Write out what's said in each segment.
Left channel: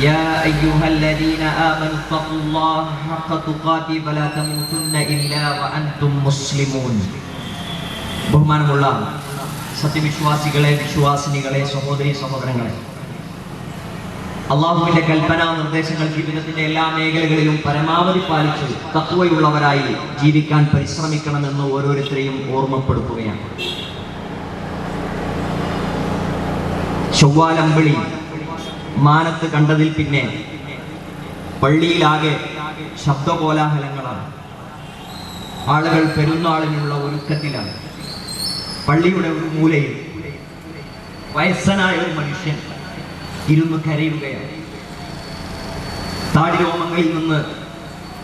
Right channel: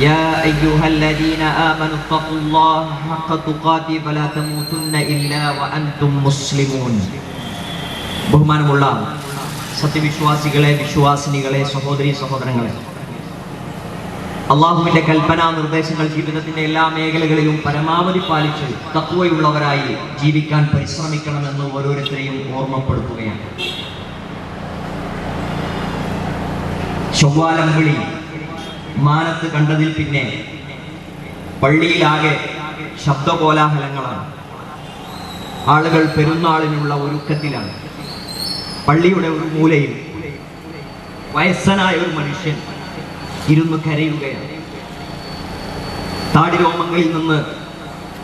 يا أيها الذين آمنوا اتقوا الله حق تقاته فلا تموتن إلا وأنتم مسلمون ബഹുമാനമുള്ള സത്യവിശ്വാസികളെ വിശ്വാസിനികളെ സഹോദരി സഹോദരങ്ങളെ അള്ളാഹുവിന്റെ കൽപ്പനാ നിർദ്ദേശങ്ങൾ ജീവിതത്തിന്റെ എല്ലാ മേഖലകളിലും പരമാവധി പാലിച്ച് തത്വയുള്ളവരായി ജീവിക്കാൻ പരിശ്രമിക്കണമെന്ന് ഓരോരുത്തരെയും ഓർമ്മപ്പെടുത്തുകയാണ് ചൊവ്വാലമ്പിളി മാനസ് കണ്ടതിൽ പിന്നെ പള്ളിയിലാകെ ശബ്ദകോലാഹലങ്ങളാണ് ആളുകൾ പെരുന്നാളിനുള്ള ഒരുക്കത്തിലാണ് പള്ളിയുടെ ഒരു മൂലയിൽ വയസ്സനായ ഒരു മനുഷ്യൻ ഇരുന്ന് കരയുകയാണ് താടി രോമങ്ങളിൽ നിന്ന്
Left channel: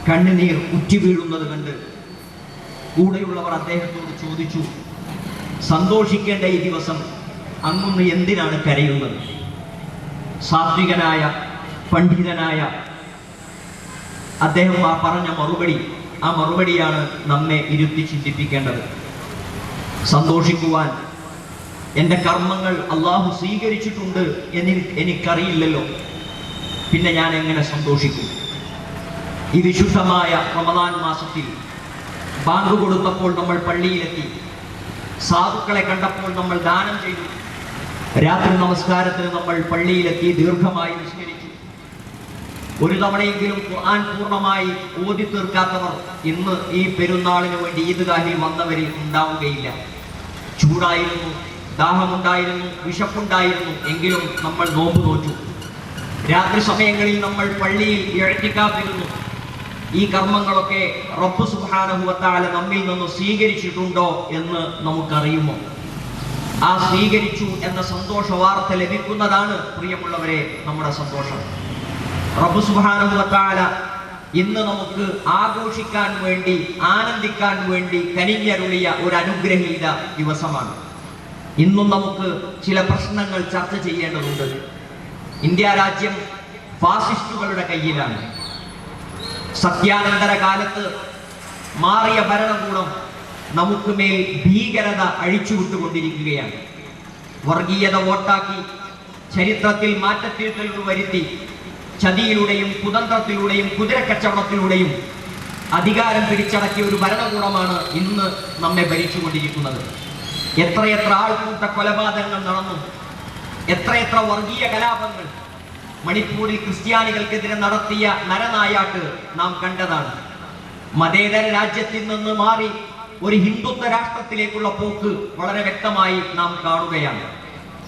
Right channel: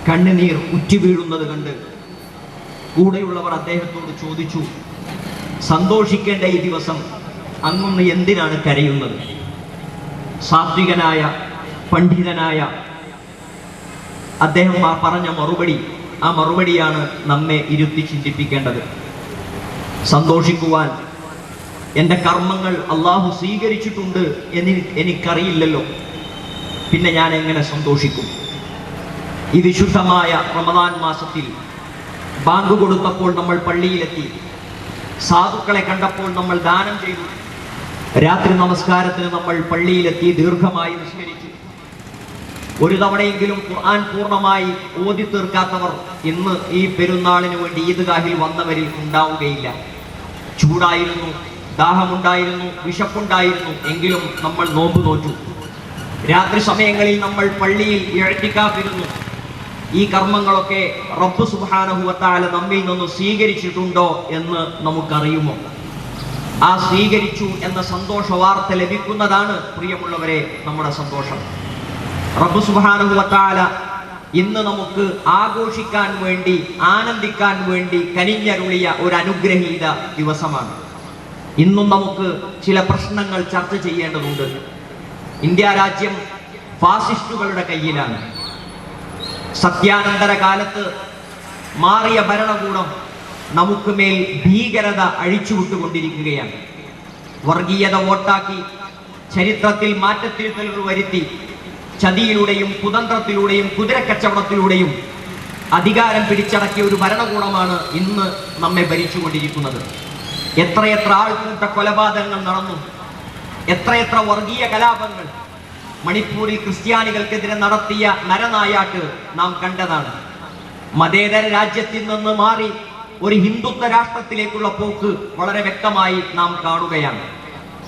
കണ്ണുനീർ ഉറ്റി വീഴുന്നത് കണ്ട് കൂടെയുള്ളവർ അദ്ദേഹത്തോട് ചോദിച്ചു സന്തോഷിക്കേണ്ട ഈ ദിവസം അന്നൊന്ന് എന്തിനാണ് കരയുന്നത് സാത്വികനായ പണ്ഡിതനായ അദ്ദേഹം ആ പറഞ്ഞ മറുപടി ആ മറുപടിയാണ് നമ്മെ ഇരുത്തി ചിന്തിപ്പിക്കേണ്ടത് സന്തോഷിക്കുവാൻ എൻ്റെ കർമ്മങ്ങൾ അള്ളാഹു സ്വീകരിച്ചിട്ടുണ്ട് എന്ന് എനിക്കറിയില്ലല്ലോ പിന്നെ ഞാൻ എങ്ങനെ സന്തോഷിക്കും ഈ വിശുദ്ധമായ റമദാൻ മാസത്തിൽ ബാങ്ക് കൊടുത്തപ്പോൾ നമ്മൾ പള്ളിയിലെത്തി സാധുക്കളെ കണ്ടപ്പോൾ നമ്മൾ ദാനം ചെയ്തു രാത്രി നമസ്കാരത്തിന് നമ്മൾ പള്ളിയിലെത്തി ദീർഘമായി നിസ്കരിച്ചു ഒരു തവണയെങ്കിലും ഖുർആൻ പൂർണ്ണമായി ഓതി തീർക്കാത്തവർ ഇന്ന് ഈ പെരുന്നാളിന് വേണ്ടി ഈദ്ഗാഹിൽ വന്നവരിൽ ഉണ്ടാവുകയില്ല ചൂടായിരുന്നു ദാഹമുണ്ടായിരുന്നു വിശപ്പുണ്ടായിരുന്നു എങ്കിലും നമ്മൾ നോമ്പ് നോറ്റു രാത്രി സമയങ്ങളിൽ നമ്മൾ പള്ളിയിൽ ഇഴത്തിക്കാത്തിരുന്നു ഈ കർമ്മങ്ങളൊക്കെ റബ്ബു സുഹാനഭൂത്താല നമ്മിൽ നിന്ന് സ്വീകരിച്ചിട്ടുണ്ടോ എന്ന് നമുക്കറിയുമോ ആ സ്വീകരിച്ചു എന്ന സന്തോഷ വാർത്ത ലഭിക്കുന്നതാണ് പ്രിയമുള്ളവരെ നമ്മുടെ സന്തോഷം റബ്ബു സുബാനുവത്താല ഇന്ന് നമുക്ക് ആഘോഷിക്കാൻ വേണ്ടി ആനന്ദിക്കാൻ വേണ്ടി കനിഞ്ഞരുളിയ ഒരു അനുഗ്രഹീത ദിവസമാണ് ഇന്നും നമുക്ക് ചില പ്രശ്നങ്ങൾ ചർച്ച ചെയ്യേണ്ടതുണ്ട് ഇന്ത്യ രാജ്യം ഫാസിസ്റ്റുകളുടെ കയ്യിലാണ് സത്യാനന്തര കാലത്ത് മാറിയ ഭരണകൂടം നമുക്ക് മേൽ ഭീകരത അഴിച്ചുവിട്ടുകൊണ്ടിരിക്കുകയാണ് വർഗീയത വോട്ടാക്കി ചരിത്രത്തിൽ മാറ്റത്തിരുത്തലുകൾ വരുത്തി ചതിയിലൂടെയും കുതന്ത്രത്തിലൂടെയും കുതിരക്കച്ചവടത്തിലൂടെയും അധികാരം പിടിച്ചടക്കിയ ഒരു ഭരണകൂടമാണ് ഇന്ന് നമ്മെ ഭരിച്ചുകൊണ്ടിരിക്കുന്നത് എത്രയെത്ര ആൾക്കൂട്ട കൊലപാതകങ്ങൾ നടന്നു എത്രയെത്ര വർഗീയ കലാപങ്ങൾ മണിപ്പൂരിൽ ക്രിസ്ത്യാനികൾക്കെതിരെ നടത്തിയ നരനായാട്ട് നാം കണ്ടതാണ് മതേതര രാജ്യത്തിൽ നിന്ന് മാറി ഒരു ഹിന്ദുത്വ രാഷ്ട്രത്തിലേക്കുള്ള പോക്ക് വളരെ വ്യക്തമായി നാം കാണുകയാണ്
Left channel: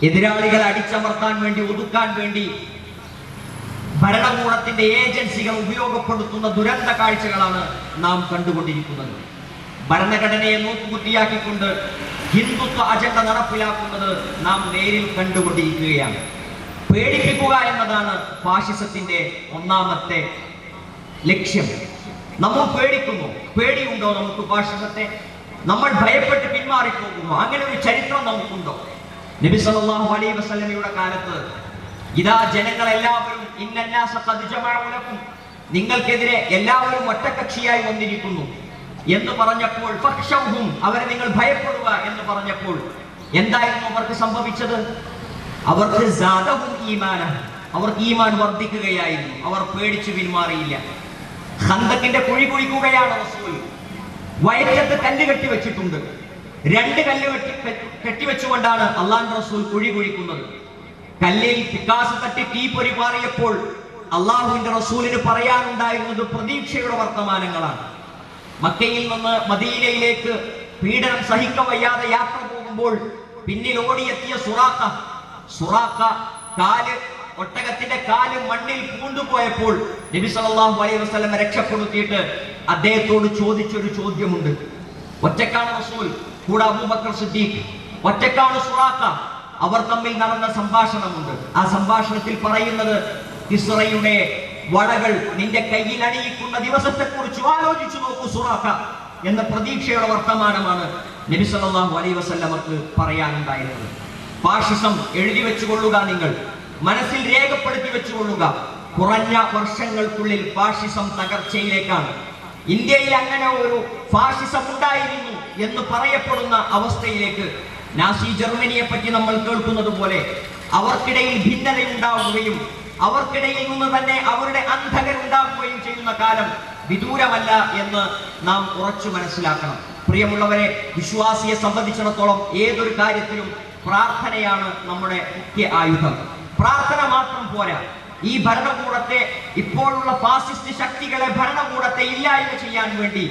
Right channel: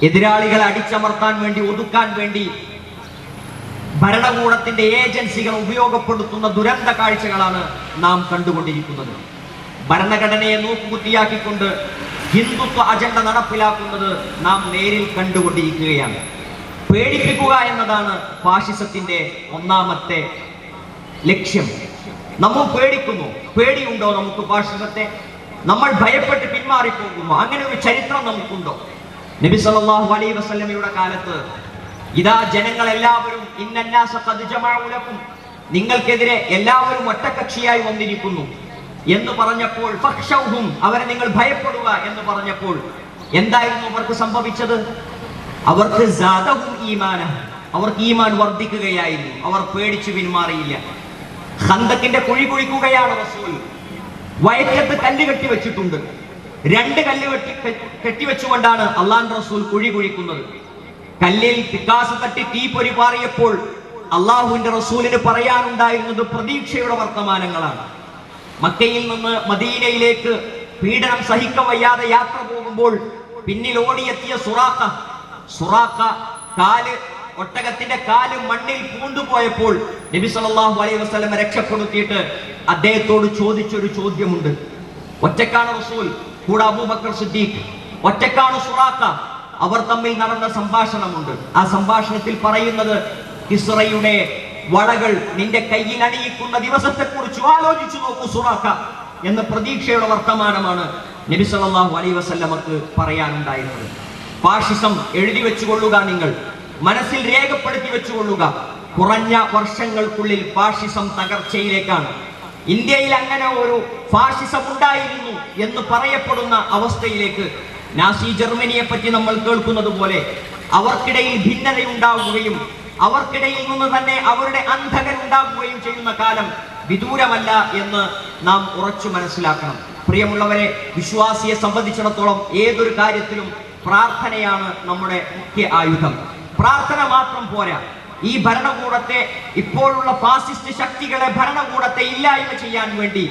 എതിരാളികളെ അടിച്ചമർത്താൻ വേണ്ടി ഒതുക്കാൻ വേണ്ടി ഭരണകൂടത്തിന്റെ ഏജൻസികൾ ഉപയോഗപ്പെടുത്തുന്ന ദുരന്ത കാഴ്ചകളാണ് നാം കണ്ടുകൊണ്ടിരിക്കുന്നത് ഭരണഘടനയെ നോക്കുകുത്തിയാക്കിക്കൊണ്ട് ഹിന്ദുത്വ അജണ്ട നടപ്പിലാക്കുന്നത് നാം നേരിൽ കണ്ടുകൊണ്ടിരിക്കുകയാണ് പേടിപ്പിക്കുക എന്നതാണ് ഫാഷിസത്തിന്റെ ഒന്നാമത്തെ ലക്ഷ്യം നമ്മൾ പേടിക്കുന്നു പേടിയുണ്ടോ നമുക്ക് ഭാഷണത്തെ നമ്മൾ ഭയപ്പെട്ട് പിന്മാറിപ്പോകുന്നു അങ്ങനെ ഒരു ചരിത്രം നമുക്കുണ്ടോ നബി സല്ലല്ലാഹു അലൈഹി വസല്ലമയുടെ കാലത്ത് ഇതാ ജനങ്ങളെല്ലാവരും ഇന്നല്ലാസ പതിജമാഴക്കും നിങ്ങൾക്കെതിരെ എല്ലാവരും ഒറ്റകക്ഷിയായി വന്നിരിക്കുന്നു എന്ന് പറഞ്ഞപ്പോൾ പക്ഷവും അവരെ നിങ്ങൾ ഭയപ്പെടുക എന്ന് പറഞ്ഞപ്പോൾ എന്തായിരുന്നു അവർക്ക് സംഭവിച്ചത് അവർക്ക് ഈമാന അവർക്ക് ഈമാൻ വർദ്ധിക്കുകയായിരുന്നു അവർ പേടിച്ചു പിന്മാറിയില്ല ഹന്തക്കിന്റെ കുഴി കുഴിക്കുകയാണ് റസൂൽ വയറ്റത്ത് കല്ല് കെട്ടി വെച്ചിട്ടുണ്ട് രണ്ട് കല്ല് കെട്ടിവെച്ചുകൊണ്ടാണ് അള്ളാഹു റസൂൽ കുഴി കുഴിക്കുന്നത് കല്ലിൽ ചിക്കാസ് തട്ടി തീ പൊരി പാറിയപ്പോൾ അള്ളാഹുവിന്റെ റസൂലിന് പറയാനുണ്ടായിരുന്നത് പ്രതീക്ഷയുടെ വർത്തമാനങ്ങളാണ് മക്കയിൽ നിന്ന് മദീനയിലേക്ക് പീഡനം സഹിക്കവയ്യാതെ യാത്ര പോകുമ്പോൾ പിന്നിൽ ഓടിയെത്തിയ സുറാക്ക സുറാക്ക കാല് ഒട്ടകത്തിന്റെ കാല് മണ്ണിൽ പൂണ്ടുപോയപ്പോൾ നബി സല്ലല്ലാഹു അലൈഹി വസല്ലം രക്ഷപ്പെടുത്തിയിട്ട് അദ്ദേഹത്തോട് ചോദിച്ചൊരു ചോദ്യമുണ്ട് ഒറ്റക്കാണ് റസൂൽ കൂടെ അബൂബക്കർ സുദ്ദീഖ് ഒറ്റക്കാണ് സുറാത്ത അവർ തമ്മിൽ നടന്ന സംഭാഷണമുണ്ട് ആ സംഭാഷണത്തിൽ പറയുന്നത് ഇസ്രയുടെ വടകൾ നിന്റെ കയ്യിൽ അണിയിക്കുന്ന ദിവസത്തെ കുറിച്ച് ആലോചിച്ചു നോക്കൂ സുറാത്ത എന്ന പ്രതീക്ഷയുടെ വർത്തമാനമാണ് നബി സല്ലല്ലാഹു അലൈഹി പറയാനുണ്ടായിരുന്നത് ഫാഷിസം എഴുതി വെച്ചുകൊള്ളുക നിങ്ങൾ മനസ്സിൽ രേഖപ്പെടുത്തി വെച്ചുകൊള്ളുക കുറഞ്ഞ വർഷങ്ങൾക്കുള്ളിൽ ഫാഷിസം തകർച്ചയിലേക്കാണ് ഇന്ത്യയിൽ അങ്ങനെ ഒരു ഫാഷിസം ഉണ്ടായിരുന്നു എന്ന് പറയപ്പെടുന്ന അവസ്ഥയിലേക്ക് നാസി ജർമ്മനിയെ പറ്റി നമ്മൾ കേൾക്കുന്നത് പോലെ അവർക്കിടയിൽ ഭിന്നത ഉണ്ടാവുകയും അവർക്കിടയിൽ നിന്ന് തന്നെ അവരുടെ അന്ധകൻ ഉണ്ടാവുകയും ചെയ്യുന്ന കാലം വിദൂരമല്ല എന്ന് നാം ഉറച്ചു മനസ്സിലാക്കണം പ്രിയമുള്ളവരെ വിശ്വാസിയെ സംബന്ധിച്ചിടത്തോളം ഏതൊരു കാര്യത്തിലും പ്രാർത്ഥനയാണ് നമ്മുടെ മുഖ്യ ആയുധം പ്രാർത്ഥന മാത്രം പോരാ ഈ ഭരണകൂടത്തെ ഇപ്പോഴുള്ള ഫാസിസ്റ്റ് ശക്തികളെ ഭരണകൂടത്തെ ഇല്ലായ്മ ചെയ്യാൻ വേണ്ടി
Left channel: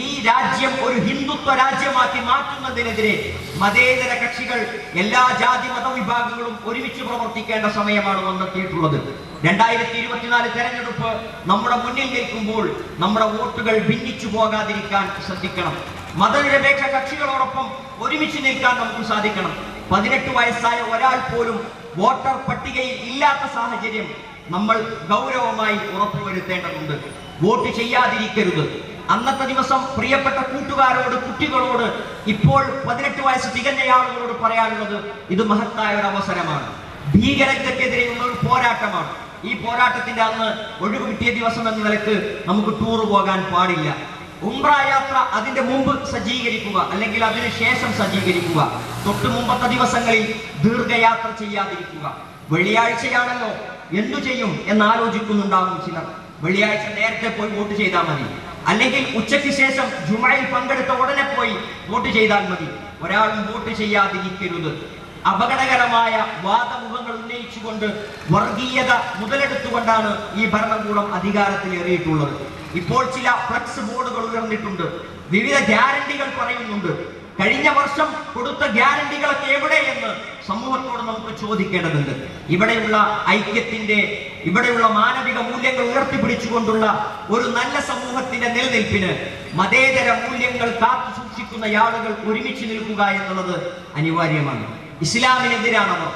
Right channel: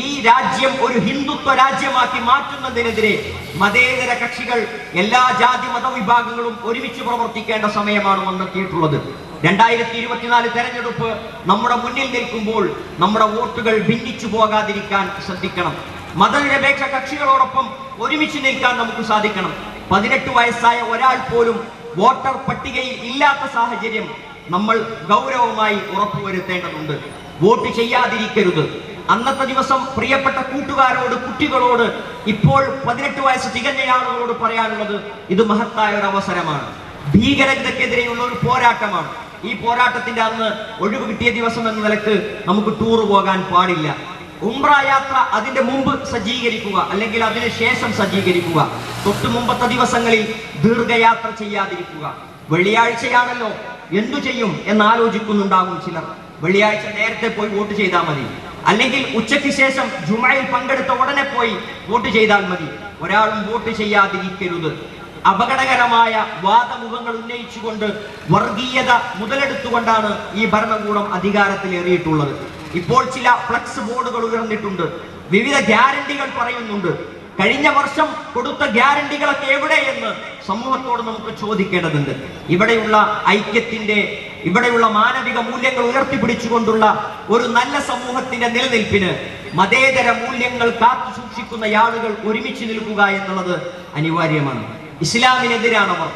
ഈ രാജ്യം ഒരു ഹിന്ദുത്വ രാജ്യമാക്കി മാറ്റുന്നതിനെതിരെ മതേതര കക്ഷികൾ എല്ലാ ജാതി മതവിഭാഗങ്ങളും ഒരുമിച്ച് പ്രവർത്തിക്കേണ്ട സമയമാണ് വന്നെത്തിയിട്ടുള്ളത് രണ്ടായിരത്തി ഇരുപത്തിനാല് തെരഞ്ഞെടുപ്പ് നമ്മുടെ മുന്നിൽ നിൽക്കുമ്പോൾ നമ്മുടെ വോട്ടുകൾ ഭിന്നിച്ചു പോകാതിരിക്കാൻ ശ്രദ്ധിക്കണം മതനിരപേക്ഷ കക്ഷികളോടൊപ്പം ഒരുമിച്ച് നിൽക്കാൻ നമുക്ക് സാധിക്കണം പതിനെട്ട് വയസ്സായ ഒരാൾ പോലും വോട്ടർ പട്ടികയിൽ ഇല്ലാത്ത സാഹചര്യം നമ്മൾ ഗൗരവമായി ഉറപ്പുവരുത്തേണ്ടതുണ്ട് വോട്ട് ചെയ്യാതിരിക്കരുത് അന്നത്തെ ദിവസം പ്രിയപ്പെട്ട കൂട്ടുകാരോട് കുട്ടികളോട് ഇപ്പോൾ പതിനെട്ട് വയസ്സ് തികഞ്ഞയാളുകളോട് പറയാനുള്ളത് ഇത് മഹത്തായ ഒരു അവസരമാണ് ഭീകരതയ്ക്കെതിരെയുള്ള ഒരു പോരാട്ടമാണ് ഈ പോരാട്ടത്തിന്റെ അന്ന് ഒഴിവ് കിട്ടിയ ദിവസം എന്ന നിലക്ക് നമുക്ക് ടൂർ പോകാൻ പാടില്ല ഉംറ യാത്ര അതിന്റെ മുമ്പ് സജ്ജീകരിക്കുക അല്ലെങ്കിൽ അതിന് ശേഷം സജ്ജീകരിക്കുക തൊട്ട് മുമ്പത്തെ ദിവസങ്ങളിൽ ദീർഘയാത്ര ചെയ്യാതിരിക്കുക വെള്ളിയാഴ്ചയാണല്ലോ എന്തു ചെയ്യും എന്നാലോചിക്കുന്നുണ്ടാവും ചിലർ വെള്ളിയാഴ്ച നേരത്തെ പോയി വോട്ട് ചെയ്താൽ മതി അല്ലെങ്കിൽ ഉച്ചയ്ക്ക് ശേഷം ജുമായിൽ പങ്കെടുത്ത ഉടനെ പോയി വോട്ട് ചെയ്താൽ മതി ഒരാൾ വോട്ട് ചെയ്യാതിരിക്കരുത് അപകടകരമായ വാദമുഖങ്ങൾ ഉന്നയിച്ചുകൊണ്ട് വർഗീയത മുതലെടുത്തുകൊണ്ടാണ് ഈ ഭരണകൂടം അധികാരത്തിൽ അധികാരത്തിലേറിയിട്ടുള്ളത് ഇപ്പോൾ ചില ഫ്ലക്സ് ബോർഡുകൾ ഉയർന്നിട്ടുണ്ട് വിവിധ ഗ്യാരണ്ടികൾ പറയുന്നുണ്ട് കഴിഞ്ഞ വർഷം കൊടുത്ത ഗ്യാരണ്ടികളൊക്കെ എന്ന് സമൂഹത്തോട് നമുക്ക് ചോദിക്കേണ്ടതുണ്ട് ഇവിടെയുള്ള ഐക്യത്തിന്റെ ഇവിടെയുള്ള മാനവിക മൂല്യങ്ങൾ ഉയർത്തിപ്പിടിച്ചുകൊണ്ടുള്ള ഒരു നല്ല സമൂഹത്തിന്റെ നിലനിൽപ്പിന് മതേതര മൂല്യങ്ങൾ കാത്തു സൂക്ഷിക്കുന്ന ആളുകൾ ഒരുമിച്ച് നിൽക്കുക എന്നുള്ളത് അനിവാര്യമാണ് ഇസ്ലാമിനെതിരാണവർ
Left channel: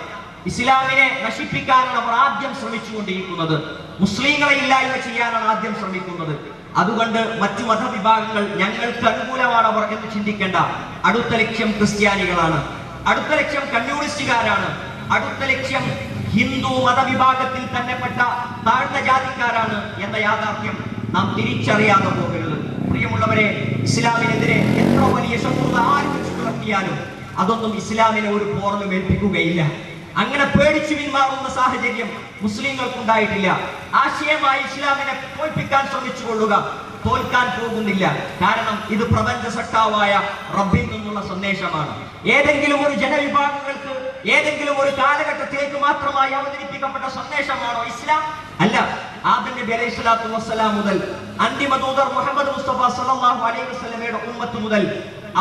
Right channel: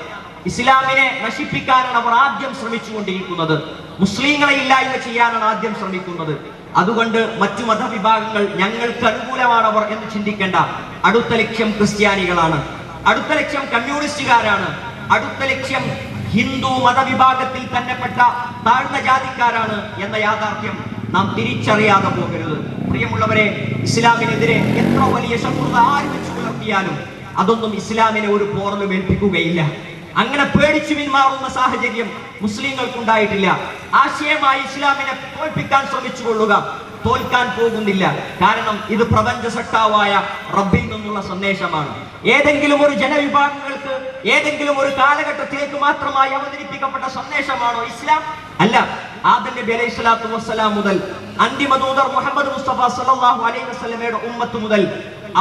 ഇസ്ലാമിനെ നശിപ്പിക്കാനാണ് അവർ ആദ്യം ശ്രമിച്ചുകൊണ്ടിരിക്കുന്നത് മുസ്ലിങ്ങളെ ഇല്ലായ്മ ചെയ്യാനാണ് ആദ്യം ശ്രമിക്കുന്നത് അതുകൊണ്ട് മറ്റു മതവിഭാഗങ്ങൾ ഞങ്ങൾക്ക് അനുകൂലമാണ് അവർ എന്ന് ചിന്തിക്കേണ്ട അടുത്ത ലക്ഷ്യം ക്രിസ്ത്യാനികളാണ് അടുത്ത ലക്ഷ്യം കമ്മ്യൂണിസ്റ്റുകാരാണ് അടുത്ത ലക്ഷ്യം ഹിന്ദു മതവിഭാഗത്തിൽ തന്നെപ്പെട്ട താഴ്ന്ന ജാതിക്കാരാണ് എന്ന യാഥാർത്ഥ്യം നാം തിരിച്ചറിയാതെ പോകരുത് പ്രിയമുള്ളവരെ ഇസ്ലാമിനെതിരെ എത്ര വലിയ ശത്രുത ആരംഭിച്ചു പുലർത്തിയാലും അതൊന്നും ഇസ്ലാമിനെ ഒരു പോർന്ന് മേൽപ്പിക്കുകയില്ല അങ്ങനെ പേടിച്ചു പിന്മാറുന്ന സാഹചര്യം ഉണ്ടായിട്ടില്ല ആശയമായി ഇസ്ലാമിനെ തോൽപ്പിക്കാൻ ശ്രമിച്ചു കൊള്ളുക തോൽക്കാൻ പോകുന്നില്ല കാരണം ഇത് പ്രപഞ്ച സഖാവായ റബ്ബിൽ നിന്നുള്ള സന്ദേശമാണ് ഏതെങ്കിലും ഒരു ജനവിഭാഗങ്ങൾക്ക് ഏതെങ്കിലും ഒരു കാലഘട്ടത്തിലേക്ക് മാത്രമായി അവതരിപ്പിക്കപ്പെട്ട സന്ദേശമാണോ ഇസ്ലാം അല്ല ആദം നബി അലൈഹി സ്വലാത്തു വസ്സലാം മുതൽ അന്തിമ ദൂതർ മുഹമ്മദ് മുസ്തഫ സല്ലല്ലാഹു അലൈഹി വസല്ലമയുടെ ഉമ്മത്ത് മുതൽ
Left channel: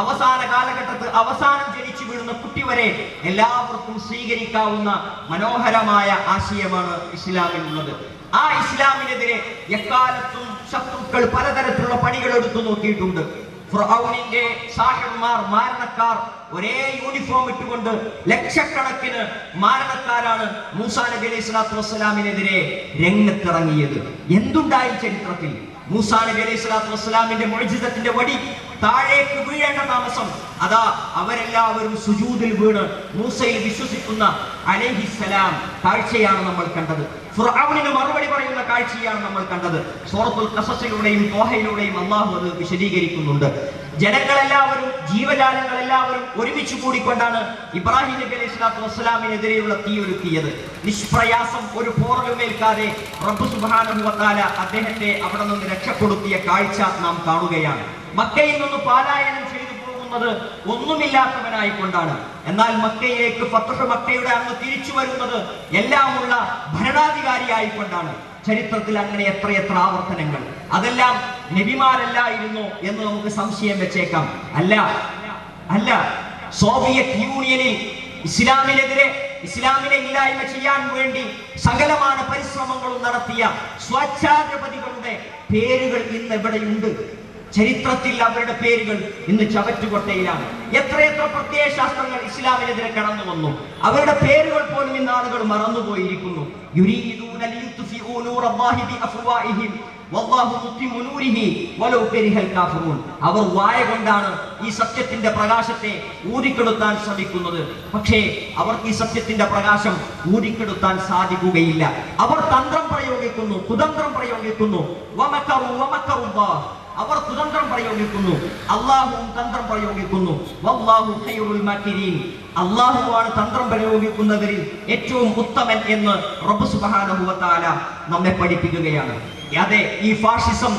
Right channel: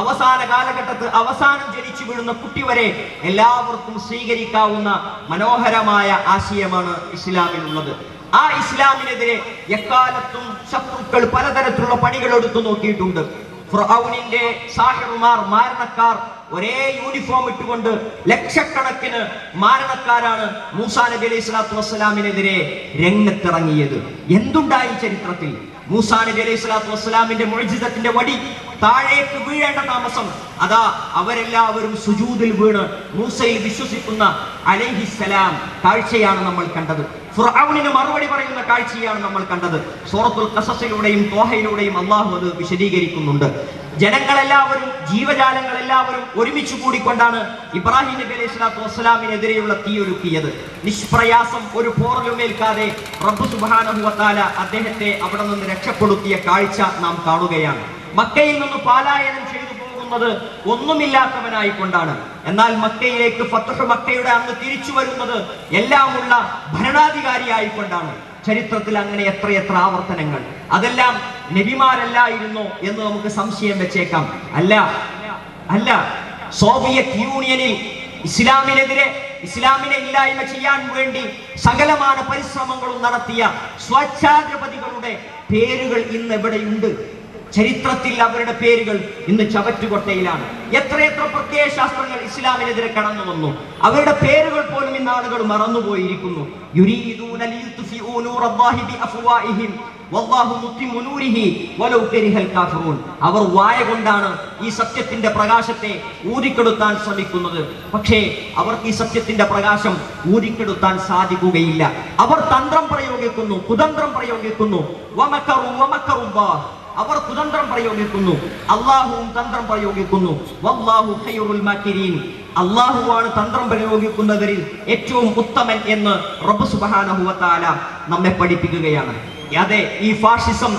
അവസാന കാലഘട്ടത്തിൽ അവസാനം ജനിച്ച വീഴുന്ന കുട്ടി വരെ എല്ലാവർക്കും സ്വീകരിക്കാവുന്ന മനോഹരമായ ആശയമാണ് ഇസ്ലാമിലുള്ളത് ആ ഇസ്ലാമിനെതിരെ എക്കാലത്തും ശത്രുക്കൾ പലതരത്തിലുള്ള പണികൾ എടുത്തു നോക്കിയിട്ടുണ്ട് ഫുറൌനിന്റെ സാഹിബുമാർ മാരണക്കാർ ഒരേ യൂണിഫോം ഇട്ടുകൊണ്ട് ലക്ഷക്കണക്കിന് മാരണക്കാരാണ് മൂസാ നബി അലൈഹി സ്വലാത്തു വസ്സലാമിനെതിരെ രംഗത്തിറങ്ങിയത് എന്തുണ്ടായി ചരിത്രത്തിൽ മൂസാ നബി അലൈഹി സ്വലാത്തു വസ്സലാമിന്റെ മോചിതത്തിന്റെ വടി താഴേക്ക് വീഴേണ്ട താമസം അതാ അവരെല്ലാവരും സുജൂതിൽ വീണ് മൂസയിൽ വിശ്വസിക്കുന്ന അലഹിസലാം കാഴ്ചയാണ് നമ്മൾ കണ്ടത് ഫുറാവിന് മറുപടി പറയുന്ന കാഴ്ചയാണ് നമ്മൾ കണ്ടത് സൂറത്തുൽ കസസിലൂടെയും തോഹയിലൂടെയും അള്ളാഹു അത് വിശദീകരിക്കുന്നുണ്ട് ജനങ്ങളെല്ലാവരും ജീവജാലങ്ങളെല്ലാവരും ഒരുമിച്ച് കൂടിക്കൊണ്ടാണ് ഇബ്രാഹിം നബി അലൈഹി സ്വലാത്തു വസ്സലാമിനെതിരെയുള്ള തീയൊരുക്കിയത് നിഷ്പ്രയാസം ഒരു പോറലുമേൽക്കാതെ പ്രഭു സുബാനുഭവത്താല അദ്ദേഹത്തെ അവിടെ നിന്ന് രക്ഷപ്പെടുത്തിയ കാഴ്ച നാം കാണുകയാണ് മക്കയിൽ നിന്ന് പാലായനം ചെയ്തു പോകുന്നത് ഒന്നുമില്ലാത്തവനായിക്കൊണ്ടാണ് എന്നാൽ മക്കയിലേക്ക് പത്തപ്പ് മക്കയുടെ അന്ന് തിരിച്ചു വരുന്നത് എല്ലാമുള്ള ഭരണാധികാരിയായിക്കൊണ്ടാണ് ചരിത്രത്തിൽ അങ്ങനെ എത്രയെത്ര ആവർത്തനങ്ങൾ അതെല്ലാം നബിമാരല്ലായിരുന്നു എന്ന് നമുക്ക് സംശയം വെച്ചേക്കാം അല്ല അല്ല സോവിയറ്റ് യൂണിയനിൽ ഇസ്ലാമിനെതിരെ ഇസ്ലാമിനെ ഇല്ലായ്മ ചെയ്യാൻ വേണ്ടി സകലമായ പരിശ്രമങ്ങളും നടത്തിയ സ്വച്ഛാധിപതികളുടെ പേരുകൾ ഇന്ന് ഉണ്ട് ചരിത്രത്തിൽ അവരുടെ പേരുകൾ ഇന്ന് ചവറ്റുകൊട്ടയിലാണ് എത്രയെത്ര പ്രത്യയ ശാസ്ത്രങ്ങൾ ഇസ്ലാമിനെതിരെ കടന്നു വന്നു അവരുടെ പേരുകൾ പോലും ഇന്ന് ആളുകൾ മറന്നുപോയിരിക്കുന്നു അവർ വായ കൊണ്ടാണ് ഈ സത്യത്തിന്റെ പ്രകാശത്തെ ഊതിക്കെടുത്താൻ ശ്രമിക്കുന്നത് പക്ഷേ അവർക്ക് ഈ സത്യത്തിന്റെ പ്രകാശം ഊതിക്കെടുത്താൻ സാധിക്കുകയില്ല അവർ തന്ത്രം പ്രയോഗിക്കുന്നു കുതന്ത്രം പ്രയോഗിക്കുന്നു അവർ കുതന്ത്രം പ്രയോഗിക്കുന്നു അള്ളാഹുവും തന്ത്രം പ്രയോഗിക്കുന്നു അള്ളാഹുവാണ് തന്ത്രം പ്രയോഗിക്കുന്നതിൽ ഏറ്റവും ഉത്തമൻ എന്ന് റബ്ബു സുബാന നമ്മെ പഠിപ്പിക്കുകയാണ് അതെ ഈ ഫാഷിസം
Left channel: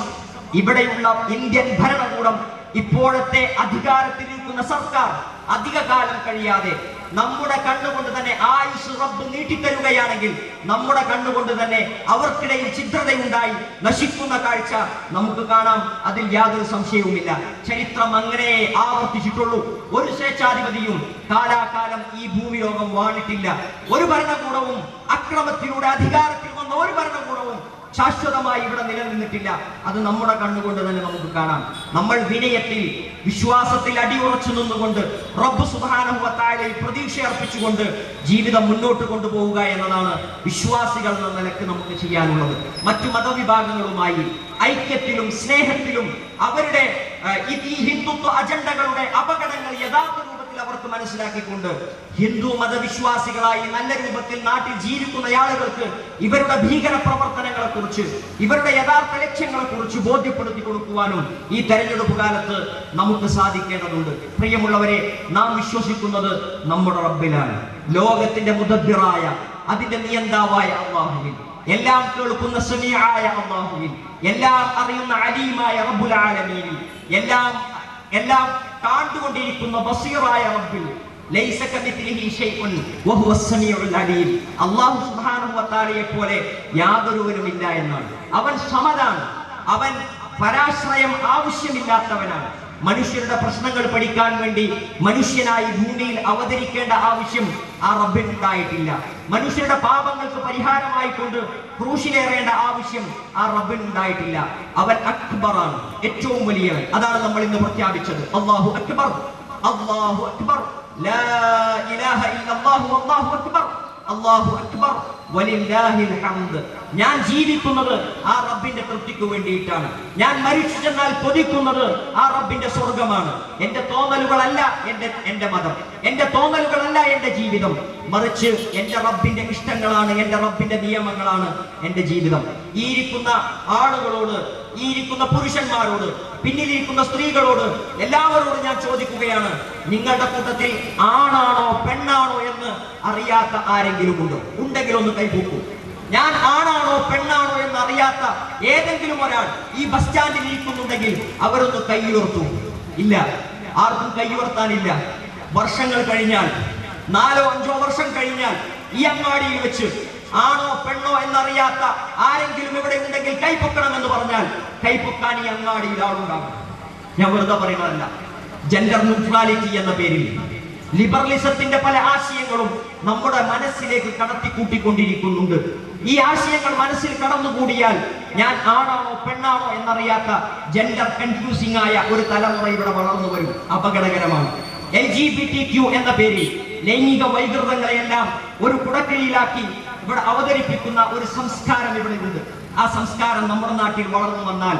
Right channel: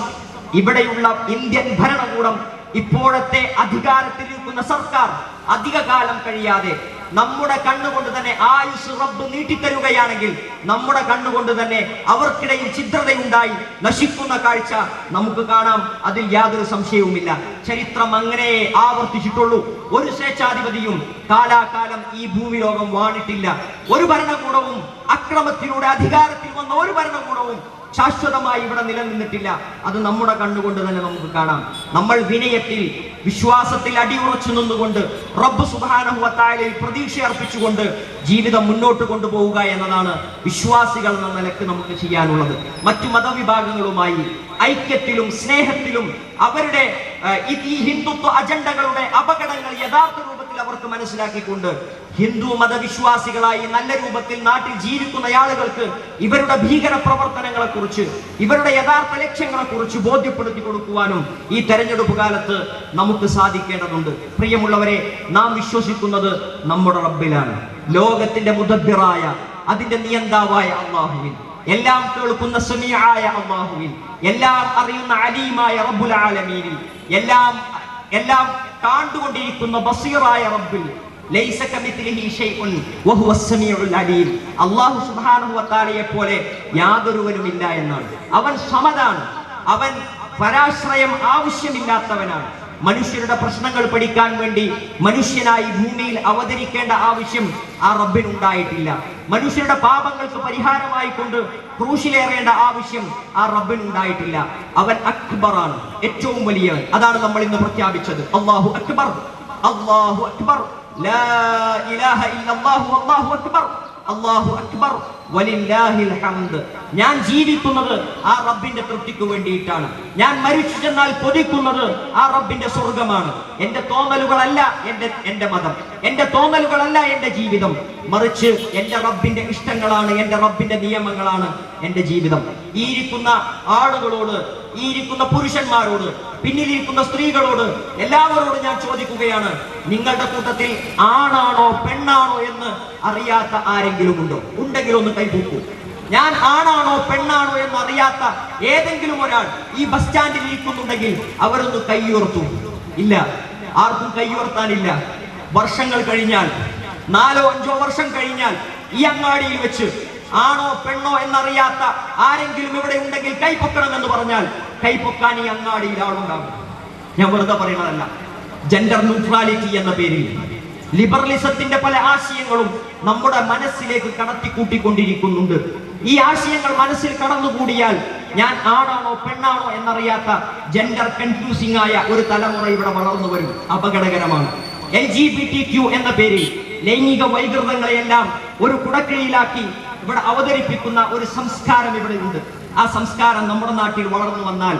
ഇവിടെയുള്ള ഇന്ത്യൻ ഭരണകൂടം ഇപ്പോഴത്തെ അധികാരത്തിലിരിക്കുന്ന സർക്കാർ അധികകാലം കഴിയാതെ നമ്മുടെ കണ്ണുകൊണ്ട് തന്നെ ആയുസ് റബ്ബ് നീട്ടിത്തരുകയാണെങ്കിൽ നമ്മുടെ കണ്ണുകൊണ്ട് തന്നെ അവർക്കിടയിൽ ചിത്രതയുണ്ടായി നശിക്കുന്ന കാഴ്ച നമുക്ക് കാണാം അതിൽ യാതൊരു സംശയവുമില്ല ചരിത്രം അങ്ങനെ ആവർത്തിച്ചിട്ടുള്ളൂ ഒരു സ്വേച്ഛാധിപതിയും കാലാകാലം ഈ ഭൂമിയോഗം വാണിട്ടില്ല ഒരു ഭരണകൂടവും അക്രമത്തിലൂടെ അധികാരത്തിൽ നടത്തുന്ന ഒരു ഭരണകൂടവും ശാശ്വതമായി ഇവിടെ നിലനിന്നിട്ടില്ല അത് നമ്മുടെ കണ്ണുകൊണ്ട് തന്നെ നമുക്ക് കാണാം നമ്മൾ വിനയത്തിൽ വിശ്വാസത്തിൽ അടിയുറച്ചു നിന്നുകൊണ്ട് റബ്ബ് സുധാനഹുവത്തായാലും പ്രതീക്ഷ അർപ്പിച്ചുകൊണ്ട് ജീവിതം മുന്നോട്ട് കൊണ്ടുപോവുക എന്നതാണ് വിശ്വാസികൾ എന്ന നിലയ്ക്ക് നമുക്ക് ചെയ്യാനുള്ളത് മറ്റു മതവിഭാഗങ്ങളുമായി ഐക്യത്തിലും സ്നേഹത്തിലും അവരുടെ ഈ ഹിന്ദുത്വ അജണ്ടകളുടെ അപകടങ്ങൾ യഥാർത്ഥ അവർക്ക് മനസ്സിലാക്കിക്കൊണ്ട് ഹിന്ദു മതവിശ്വാസികളായി നല്ല രൂപത്തിൽ നാട്ടിൽ ജീവിക്കുന്ന ആളുകൾക്ക് ഇവരുടെ ഭീകര പ്രവർത്തനങ്ങളെ കുറിച്ച് ഇവരുടെ യഥാർത്ഥ ലക്ഷ്യങ്ങളെ കുറിച്ച് ബോധ്യപ്പെടുത്തി കൊടുക്കുവാനും ഈ തെരഞ്ഞെടുപ്പ് കാലത്ത് നമുക്ക് സാധിക്കേണ്ടതുണ്ട് പ്രിയമുള്ളവരെ നാം വിശ്വസിക്കുന്നത് നമ്മുടെ റബ്ബിലാണ് ലോകത്തിന്റെ മുദബിറായ അതിന്റെ നിയന്താവായ അള്ളാഹുവിൻ എല്ലാം കേൾക്കുന്ന സുനിയായ അള്ളാഹുവിൻ എല്ലാം അറിയുന്ന അലീമായ റബ്ബുൽ എല്ലാം എല്ലാം താണ്ടുകൊണ്ടിരിക്കുന്ന ബസീറായ റബ്ബിൽ അള്ളാഹു സുബാനുവത്താലയെ പോലെ യാതൊരുവനുമില്ല എന്നാണ് അവൻ സമതാണ് അവൻ പരാശ്രയം ആവശ്യമില്ലാത്തവനാണ് മനുഷ്യരുടെ പ്രശ്നങ്ങൾ പഠിക്കാൻ വേണ്ടി മനുഷ്യനായി ഭൂമിയിൽ അവതരിക്കേണ്ട ആവശ്യം ആ റബ്ബിനുണ്ടായിട്ടില്ല മനുഷ്യരുടെ പാപങ്ങൾക്ക് പരിഹാരമായി കൊണ്ട് ക്രൂശിലേറേണ്ട ആവശ്യം ആ റബ്ബിനുണ്ടായിട്ടില്ല അവൻ അക്ബറാണ് ഏറ്റവും വലിയവൻ അതാണ് നമ്മൾ ഇന്ന് പ്രഖ്യാപിച്ചത് അള്ളാഹു അക്ബർ അള്ളാഹു അക്ബർ ലാ ഇലാഹ ഇല്ലല്ലാഹു അല്ലാഹു അക്ബർ അള്ളാഹു അക്ബർ വലില്ലാഹിൽ ഹംദ് ഞാൻ ജീവിക്കുന്നത് ആ റബ്ബിന്റെ തൃപ്തിക്ക് വേണ്ടിയിട്ടാണ് ഞാൻ മരിച്ചു ചെന്നാൽ പൊതിക്കുന്നത് ആ റബ്ബിന്റെ സ്വർഗമാണ് എന്റെ തോന്നലുകളല്ല എന്റെ എന്റെ മതം എന്റെ തോന്നലുകളല്ല എന്റെ ജീവിതം മറിച്ച് എന്റെ റബ്ബിന്റെ ഇഷ്ടങ്ങളാണ് എന്റെ റബ്ബിന്റെ നിയമങ്ങളാണ് എന്റെ ജീവിതം ഈ ഇരിക്കുന്ന ആളുകളോട് ഈ ഇരിക്കുന്ന പുരുഷന്മാരോട് പിന്നിലിരിക്കുന്ന സ്ത്രീകളോട് എല്ലാവരോടും ഞാൻ ചോദിക്കുകയാണ് നിങ്ങളുടെ കൂട്ടത്തിൽ ആണാണോ പെണ്ണാണോ എന്ന് അറിയാത്ത ആരെങ്കിലും ഉണ്ടോ ഉണ്ടെങ്കിൽ ഒന്ന് കൈപൂക്കൂ ഞാൻ ആണാണോ പെണ്ണാണോ എന്ന് അറിയാത്ത ഏതെങ്കിലും ഒരാൾ ഈ ബസ് സ്റ്റാൻഡിൽ ഇരിക്കുന്നുണ്ടെങ്കിൽ അവരൊന്ന് കൈയുയർത്തു ഇല്ല ആർക്കും കൈയുയർത്താനില്ല വർഷങ്ങൾ കഴിഞ്ഞാൽ നാലോ അഞ്ചോ വർഷം കഴിഞ്ഞാൽ ഈ അങ്ങാടിയിൽ വെച്ച് ആണോ പെണ്ണോ എന്നറിയാത്ത ആരെങ്കിലും ഇവിടെ ഉണ്ടെങ്കിൽ കൈപ്പൊക്കണം എന്ന് പറഞ്ഞാൽ കൈപ്പൊക്കാൻ ഈ അങ്ങാടിയിൽ ആളുണ്ടാവും ഞാൻ വെറുതെ പറയുന്നതല്ല ജെൻഡർ ന്യൂട്രാലിറ്റി എന്ന പേരിൽ ലിബറലിസത്തിന്റെ പല ആശയങ്ങളും നമ്മുടെ മനസ്സിലേക്ക് കടത്തിക്കൂട്ടിക്കൊണ്ടിരിക്കുന്നുണ്ട് ഈ ആശയങ്ങൾ മനസ്സിൽ കടന്നുകൂടിയാൽ ഞാൻ ആണാണോ പെണ്ണാണോ എന്നറിയാത്ത ജെൻഡർ കൺഫ്യൂസിംഗ് ആയ ഒരു തലമുറ ഇവിടെ വളർന്നു വരും അപകടകരമാണ് L G B T Q എന്ന പേരിൽ ലൈംഗിക വൈകൃതങ്ങളെയെല്ലാം ഒരു കുടക്കയിലാക്കി ഇവിടെ അവതരിപ്പിക്കുന്ന ഒരു സംസ്കാരം ഇവിടെ ഉണ്ട് ആ സംസ്കാരം നമ്മുടെ നാട്ടിൽ വളർന്നു വന്നാൽ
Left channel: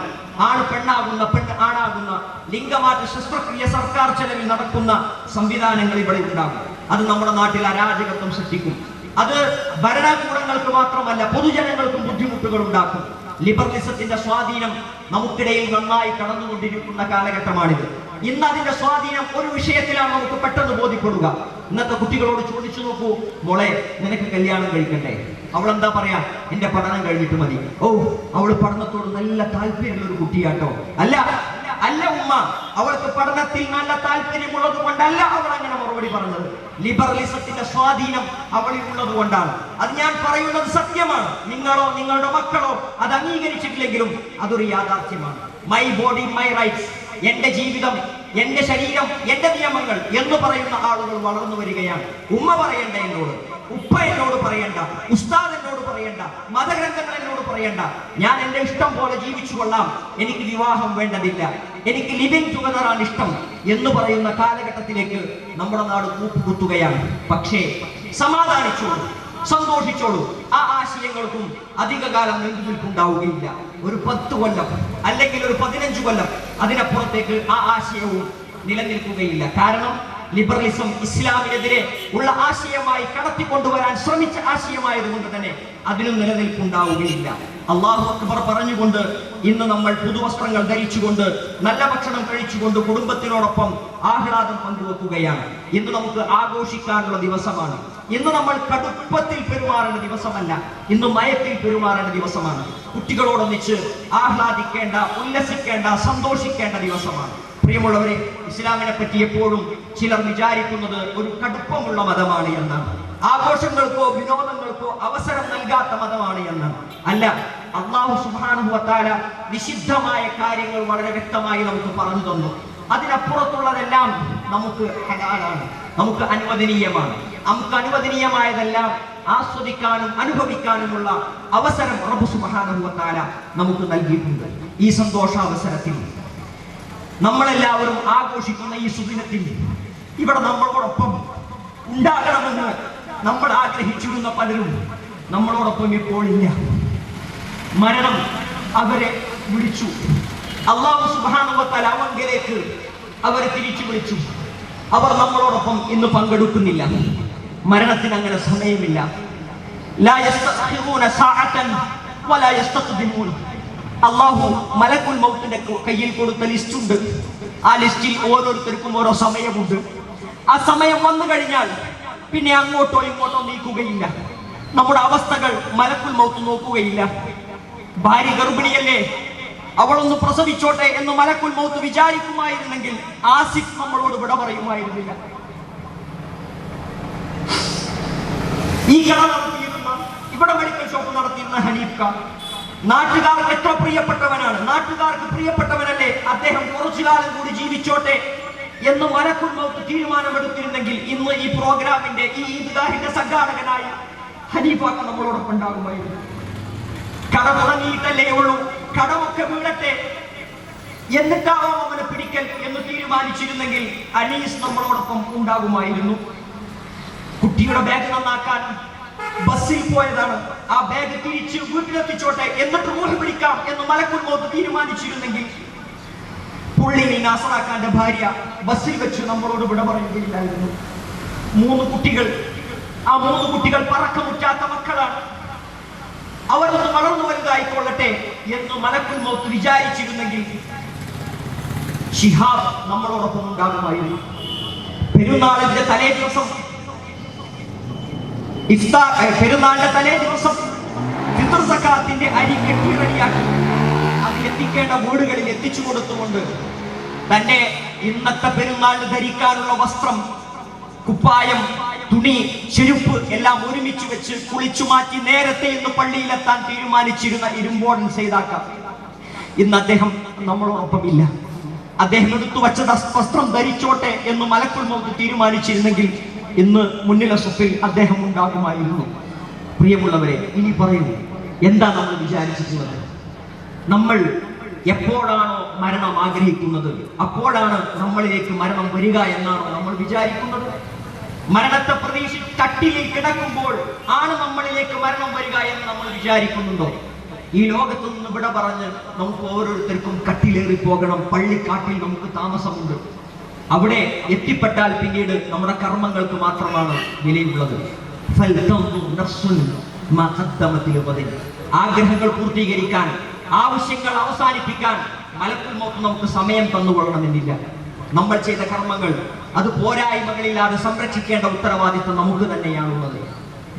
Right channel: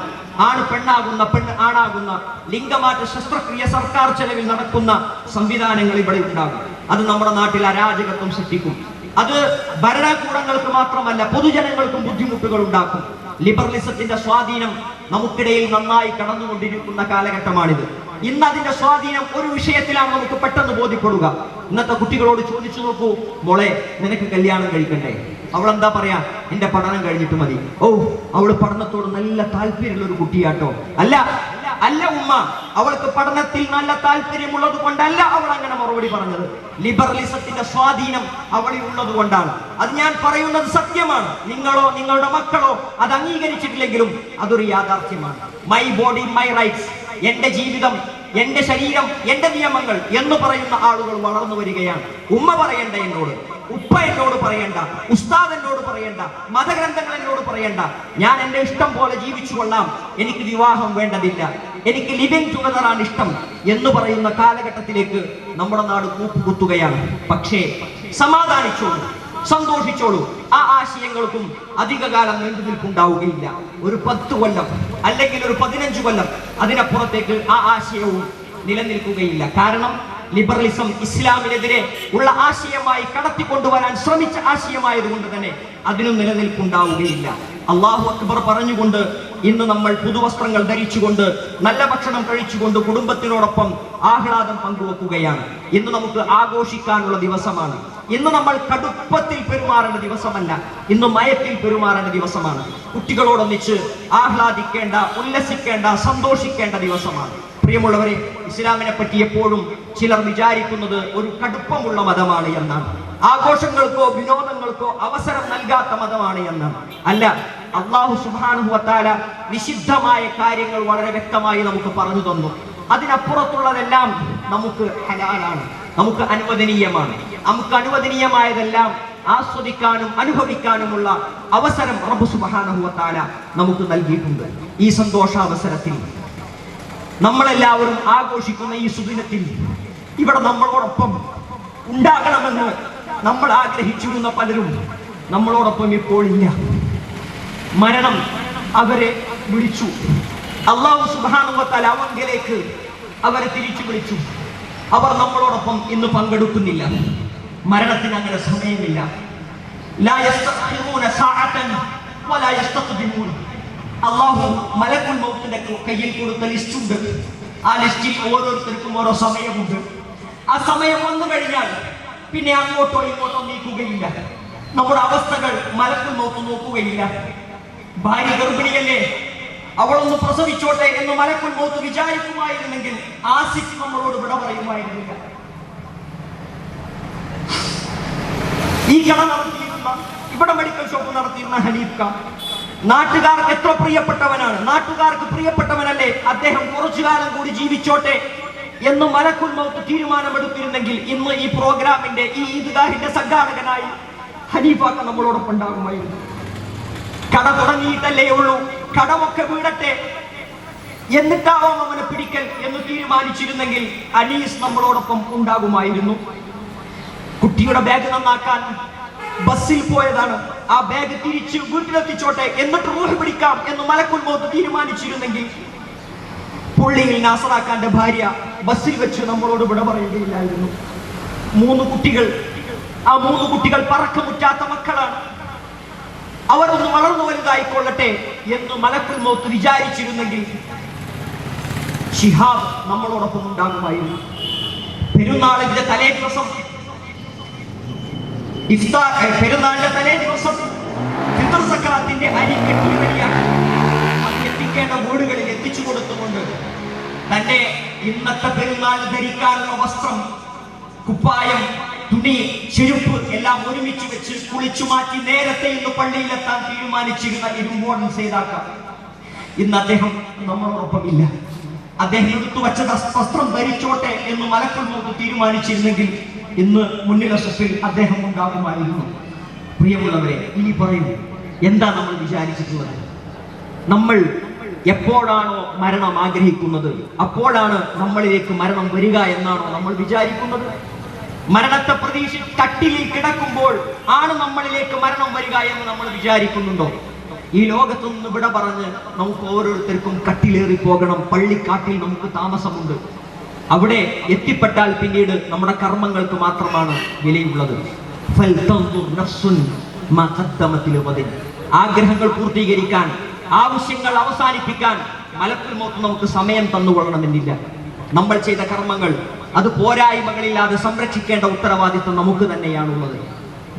ആണ് പെണ്ണാകുന്ന പെണ്ണ് ആണാകുന്ന ലിംഗമാറ്റ ശസ്ത്രക്രിയ സർക്കാർ ചെലവിൽ നടക്കുന്ന സംവിധാനങ്ങൾ ഇവിടെ ഉണ്ടാകും അത് നമ്മുടെ നാട്ടിൽ അരാജകത്വം സൃഷ്ടിക്കും അത് ഭരണകൂടങ്ങൾക്ക് മാത്രമല്ല പൊതുജനങ്ങൾക്കും ബുദ്ധിമുട്ടുകൾ ഉണ്ടാക്കും ലിബറലിസത്തിന്റെ സ്വാധീനം നമുക്കിടയിൽ നന്നായി കടന്നുകൊണ്ടിരിക്കുന്ന കാലഘട്ടമാണിത് ഇന്ന് അതിന്റെ സ്വാധീനം ഒരു വിഷയത്തിലാണ് നമുക്ക് പെട്ടെന്ന് ബോധ്യപ്പെടുക ഇന്നത്തെ കുട്ടികളോട് ചോദിച്ചു നോക്കൂ മോളെ നിനക്ക് കല്യാണം കഴിക്കണ്ടേ എന്താ പറയാ എന്റെ പഠനം കഴിഞ്ഞിട്ട് മതി ഓ അവള് പഠനത്തോട് നല്ല താല്പര്യമുള്ള ഒരു കുട്ടിയാട്ടോ അല്ല അല്ല ഉമ്മ അവൾക്ക് പഠനത്തിൽ നല്ല താല്പര്യമുള്ളത് കൊണ്ടല്ല അവൾ അങ്ങനെ മറുപടി പറഞ്ഞത് ലിബറലിസത്തിന്റെ സ്വാധീനം അവളിൽ ഉള്ളത് കൊണ്ടാണ് അത് ഞാൻ പറയുന്നത് സത്യമാണ് നിങ്ങളോ നിങ്ങളുടെ മക്കളോ അത് അംഗീകരിച്ചിട്ടില്ലെങ്കിലും അതൊരു യാഥാർത്ഥ്യമാണ് മൈ ബോഡി മൈ റൈറ്റ്സ് എന്റെ ജീവിതം എന്റെ ശരീരം എന്റെ നിയമങ്ങൾ എന്ന് പറയുന്ന ആളുകൾ വളർന്നു വരികയാണ് ഉമ്മ പറയണ്ട എന്നോട് ഉപ്പ എന്നോട് പറയണ്ട ഉസ്താദ് എന്നോട് പറയണ്ട മതഗ്രന്ഥങ്ങൾ എന്നോട് പറയണ്ട ഞാൻ എന്റെ ഇഷ്ടം പോലെ ജീവിച്ചു കൊള്ളാം എനിക്ക് വിവാഹം വേണ്ടതില്ല എനിക്ക് ലിവിങ് ടുഗതറാണ് ഇഷ്ടം എന്ന് പറയുന്ന കാലഘട്ടത്തിലേക്ക് നമ്മുടെ നാട് കൂപ്പുകുത്തുകയാണ് പക്ഷേ സമാധാനിച്ചോളൂ സന്തോഷിച്ചോളൂ ആ ആശയങ്ങൾക്കും അധികകാലം നീണ്ടു നിൽപ്പുണ്ടാവുകയില്ല ഒരു പത്ത് കൊല്ലം അല്ലെങ്കിൽ ഒരു പതിനഞ്ച് കൊല്ലം അതിനപ്പുറത്തേക്ക് ആ ആശയവും നിലനിൽക്കുകയില്ല കാരണം ലിബറലിസം ഇസ്ലാമിനെതിരെ ഉള്ള ആശയമായി കടത്തിക്കൊണ്ടുവരാൻ ശ്രമിച്ച ആശയമായതുകൊണ്ട് തന്നെ അതിനും നിലനിൽപ്പുണ്ടാവുകയില്ല അള്ളാഹു അക്ബർ പറഞ്ഞുകൊണ്ട് ഇന്ന് നമ്മൾ പുതുവസ്ത്രങ്ങൾ ധരിച്ചുകൊണ്ട് നല്ല ഭക്ഷണം കഴിച്ചുകൊണ്ട് കുടുംബത്തിനോടൊപ്പം ആഹ്ലാദം പങ്കുവെക്കുകയാണ് ഇന്ന് നമുക്ക് ആഘോഷിക്കാനുള്ള ദിവസമാണ് ഇന്ന് നമ്മൾ കടുപ്പത്തിൽ പെരുമാറുന്ന ദിവസമല്ല ഇന്ന് മയത്തിൽ പെരുമാറുന്ന ദിവസമാണ് കുട്ടികളോടൊന്നിച്ച് ആഹ്ലാദിക്കേണ്ട ഉല്ലസിക്കേണ്ട സന്തോഷിക്കേണ്ട ദിവസമാണ് പ്രിയമുള്ളവരെ ഇസ്ലാമിനെ പറ്റി എപ്പോഴും ചിലർ വിചാരിക്കുന്നത് ഒരു കടുപ്പമുള്ള മതമാണ് എന്നാണ് ആഘോഷങ്ങൾക്കോ വിനോദങ്ങൾക്കോ അവസരം നൽകാത്ത മതമാണ് എന്നാണ് അല്ല അള്ളാഹു സുഹാനുഭവത്താല നിഷിദ്ധമായ കാര്യങ്ങൾ വളരെ വ്യക്തമായി നമുക്ക് പറഞ്ഞു തന്നു അതിനപ്പുറത്തുള്ളതെല്ലാം നമുക്ക് ഹലാലാണ് നമുക്ക് അനുവദനീയമാണ് നമുക്ക് അനുവദനീയമായതെല്ലാം ആസ്വദിക്കാനും അനുഭവിക്കാനുമുള്ള അവസരം റബ്ബു സുബാനുഭവത്താല നമുക്ക് നൽകിയിട്ടുണ്ട് ഈ സന്തോഷാവസരത്തിൽ നമ്മളെല്ലാവരും ആഘോഷിക്കുന്ന ഈ സുദിനത്തിൽ ഇവിടെ നമ്മളോടൊപ്പം ഉണ്ടാകണമെന്ന് നമ്മൾ ആഗ്രഹിച്ചിരുന്ന പലരും നമ്മളോടൊപ്പം ഇപ്പോൾ ഇല്ല മരണം അവരെ വിളിച്ചു അള്ളാഹു സുബാനുവത്താൽ അവങ്കിലേക്ക് അവരെ തിരിച്ചു വിളിച്ചു അവർ നമ്മളോടൊപ്പം ഇന്ന് പങ്കെടുക്കുന്നില്ല മരണത്തിന് അങ്ങനെ സമയമില്ല അള്ളാഹു മലക്കുൽ മൗത്തിന്റെ കയ്യിൽ കൊടുത്ത ലിസ്റ്റ് ഉണ്ട് ആ ലിസ്റ്റിൽ ഓരോരുത്തർക്കും ഓരോ സമയമുണ്ട് ആ സമയം വന്നു കഴിഞ്ഞാൽ പിന്നെ അങ്ങോട്ടോ ഇങ്ങോട്ടോ നീക്കുകയില്ല നമ്മുടെ അവസ്ഥകൾ മലക്കുൽ മൗത്ത് നോക്കുകയില്ല ഭാര്യ ഗർഭിണിയല്ലേ അവളൊന്ന് പ്രസവിച്ചോട്ടെ എന്ന് മലക്കുൽ മൗത്ത് വിചാരിക്കുമായിരുന്നെങ്കിൽ ആസിഫ് നമ്മളോട് വിട പറയുമായിരുന്നില്ല ഈ കട നടത്തിയിരുന്ന ഇവിടെ മെഡിക്കൽ ഷോപ്പ് നടത്തിയിരുന്ന ഖാൻ നാട്ടുകാർക്ക് എത്ര പ്രിയപ്പെട്ടവനാണ് നാട്ടുകാർക്ക് പ്രിയപ്പെട്ടവനല്ലേ അദ്ദേഹം കുറച്ചു കാലം കൂടി ജീവിച്ചോട്ടെ എന്ന് മലക്കുൽ മൗത്ത് തീരുമാനമെടുത്തിരുന്നെങ്കിൽ ഇന്ന് ഈ പ്രോഗ്രാമിന്റെ ഈ ഈദ്ഗാഹിന്റെ സംഘാടകനായി ഹനീഫാക്ക നമ്മളോടൊപ്പം ഉണ്ടാകുമായിരുന്നു കട തുടങ്ങിയിട്ടല്ലേ ഉള്ളൂ കടമൊക്കെ വീടട്ടെ എന്നിട്ടാവാം അവനെ പിടിക്കൽ എന്ന് തീരുമാനിച്ചിരുന്നെങ്കിൽ അനീസ് നമ്മളോടൊപ്പം ഉണ്ടാകുമായിരുന്നു കുട്ടിയുടെ ബാഗ് നന്നാക്കാൻ ബസ്സിൽ പോയതാണ് ആ ബാഗ് തിരിച്ച് വീട്ടിലെത്തിച്ചോട്ടെ എന്നിട്ട് ഊഹി പിടിക്കാം എന്ന് മലക്കുമ്പോത്ത് തീരുമാനിച്ചിരുന്നെങ്കിൽ പുള്ളിയിൽ നാസറാക്കാന്റെ ഭാര്യ ബസ്സിൽ വെച്ച് നമ്മളോട് വിട പറയുകയില്ലായിരുന്നു മൂന്ന് കുട്ടികൾ ആ മൂന്ന് കുട്ടികൾ പറക്കമുറ്റാത്ത മക്കളാണ് അവർ ഒന്ന് വളർന്നു വലുതായിക്കൊള്ളട്ടെ എന്ന് മനസ്സിൽ നോക്കി വിചാരിച്ചിരുന്നെങ്കിൽ ഷിഹാബ് നമ്മളോടൊപ്പം ഉണ്ടാകുമായിരുന്നു പെരുന്നാളിന്റെ തലേ ദിവസം പെരുന്നാളിന്റെ തലേ ദിവസം ഫിത്തർ സക്കാത്തിന്റെ അരി കെട്ടിവഴിയാണ് എത്തിക്കേണ്ട വീടുകളിൽ എത്തിച്ചു കൊടുത്തുകൊണ്ട് തന്നെ ഇന്നത്തെ പെരുന്നാൾ ധരിക്കാനുള്ള വസ്ത്രം കുപ്പായം തുണി ചെരുപ്പ് എല്ലാം ഒരുമിച്ച് വെച്ച് കുളിച്ചു മാറ്റി നേരത്തെ ഇന്ന് പള്ളിയിലെത്താൻ തീരുമാനിച്ചിരുന്ന ഇരുമ്പോടൻ ചെയ്താക്കാം ഇന്ന് അദ്ദേഹം നമ്മളോടൊപ്പമില്ല അദ്ദേഹം എടുത്തു വച്ച വസ്ത്രം ധരിച്ചോട്ടെ എന്ന് മലക്കൾ നോക്കി തീരുമാനിച്ചിരുന്നെങ്കിൽ ഇന്ന് മുന്നിലെ സ്വത്തിൽ അദ്ദേഹം ഉണ്ടാകുമായിരുന്നു പ്രിയമുള്ളവരെ ഇനി പറയൂ എന്താ നമ്മൾ വിചാരിച്ചിട്ടുള്ളത് നമ്മൾ എപ്പോഴാണോ മരണം ആഗ്രഹിക്കുന്നത് അപ്പോഴാണ് നമ്മളിലേക്ക് മരണം വരിക എന്നാണോ നമ്മൾ വിചാരിക്കുന്നത് മരണത്തെ പ്രതീക്ഷ കട്ടിലിൽ കിടക്കുമ്പോൾ ആണ് നമ്മളിലേക്ക് മരണം വരിക എന്ന് നമ്മൾ വിചാരിക്കുന്നുണ്ടോ ഈ ലോകത്തു നിന്ന് വിട പറഞ്ഞ് നമുക്ക് ഓരോരുത്തർക്കും കട്ടിലേറി പോകണം പള്ളിക്കാട്ടിൽ നമുക്ക് താമസമുണ്ട് അവിടെ എത്തിപ്പെട്ടാൽ പിന്നീട് നമ്മുടെ കർമ്മങ്ങൾക്ക് മാത്രമാണ് വിലയുള്ളത് ആഗ്രഹങ്ങൾ പൂർത്തീകരിക്കാൻ ആവശ്യങ്ങൾ അവസാനിപ്പിക്കാൻ മലക്കുമോക്ക് നമുക്ക് സമയം തന്നുകൊള്ളണമെന്നില്ല നമ്മൾ ചെയ്ത കർമ്മങ്ങൾ അത് പോരായ്മകളില്ലാതെ സംരക്ഷിക്കേണ്ട ഉത്തരവാദിത്വം നമുക്ക് തന്നെയാണുള്ളത്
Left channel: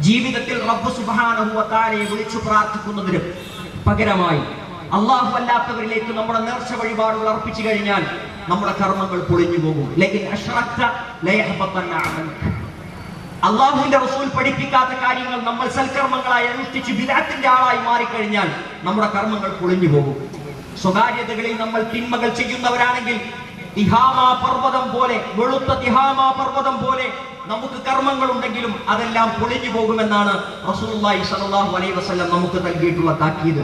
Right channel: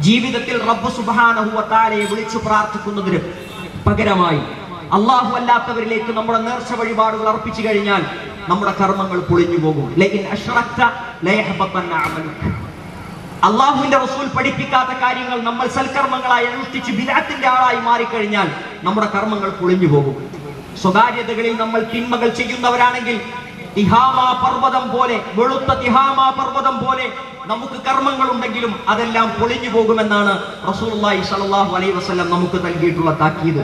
ജീവിതത്തിൽ റബ്ബ് സുബാനെ വിളിച്ചു പ്രാർത്ഥിക്കുന്നതിന് പകരമായി അള്ളാഹു അല്ലാത്തവരിലേക്ക് നമ്മുടെ നേർച്ച വഴിപാടുകൾ അർപ്പിച്ചു കഴിഞ്ഞാൽ നമ്മുടെ കർമ്മങ്ങൾ പൊളിഞ്ഞു പോകും അള്ളാഹുവിന്റെ റസൂൽ പഠിപ്പിക്കാത്ത കാര്യങ്ങൾ നമ്മൾ സൽക്കർമ്മങ്ങളായി അനുഷ്ഠിച്ച് വിരാട്ടിന്റെ ആളായി മാറിക്കഴിഞ്ഞാൽ നമ്മുടെ കർമ്മങ്ങൾ പൊളിഞ്ഞു പോകും സ്വകാര്യതകളിൽ നമ്മൾ തിന്മകൾ ചെയ്യുന്നവരാണെങ്കിൽ തിഹാമാ പർവ്വതം പോലെ വെളുത്ത തിഹാമാ പർവ്വതം പോലെ നമുക്ക് കർമ്മങ്ങൾ ഉണ്ടെങ്കിലും അതെല്ലാം പൊളിഞ്ഞു പോകുമെന്നാണ് റസൂലുള്ളാഹി സ്വല്ലല്ലാഹു അലൈഹി വസല്ലം നമുക്ക് നൽകിയിട്ടുള്ള താക്കീത്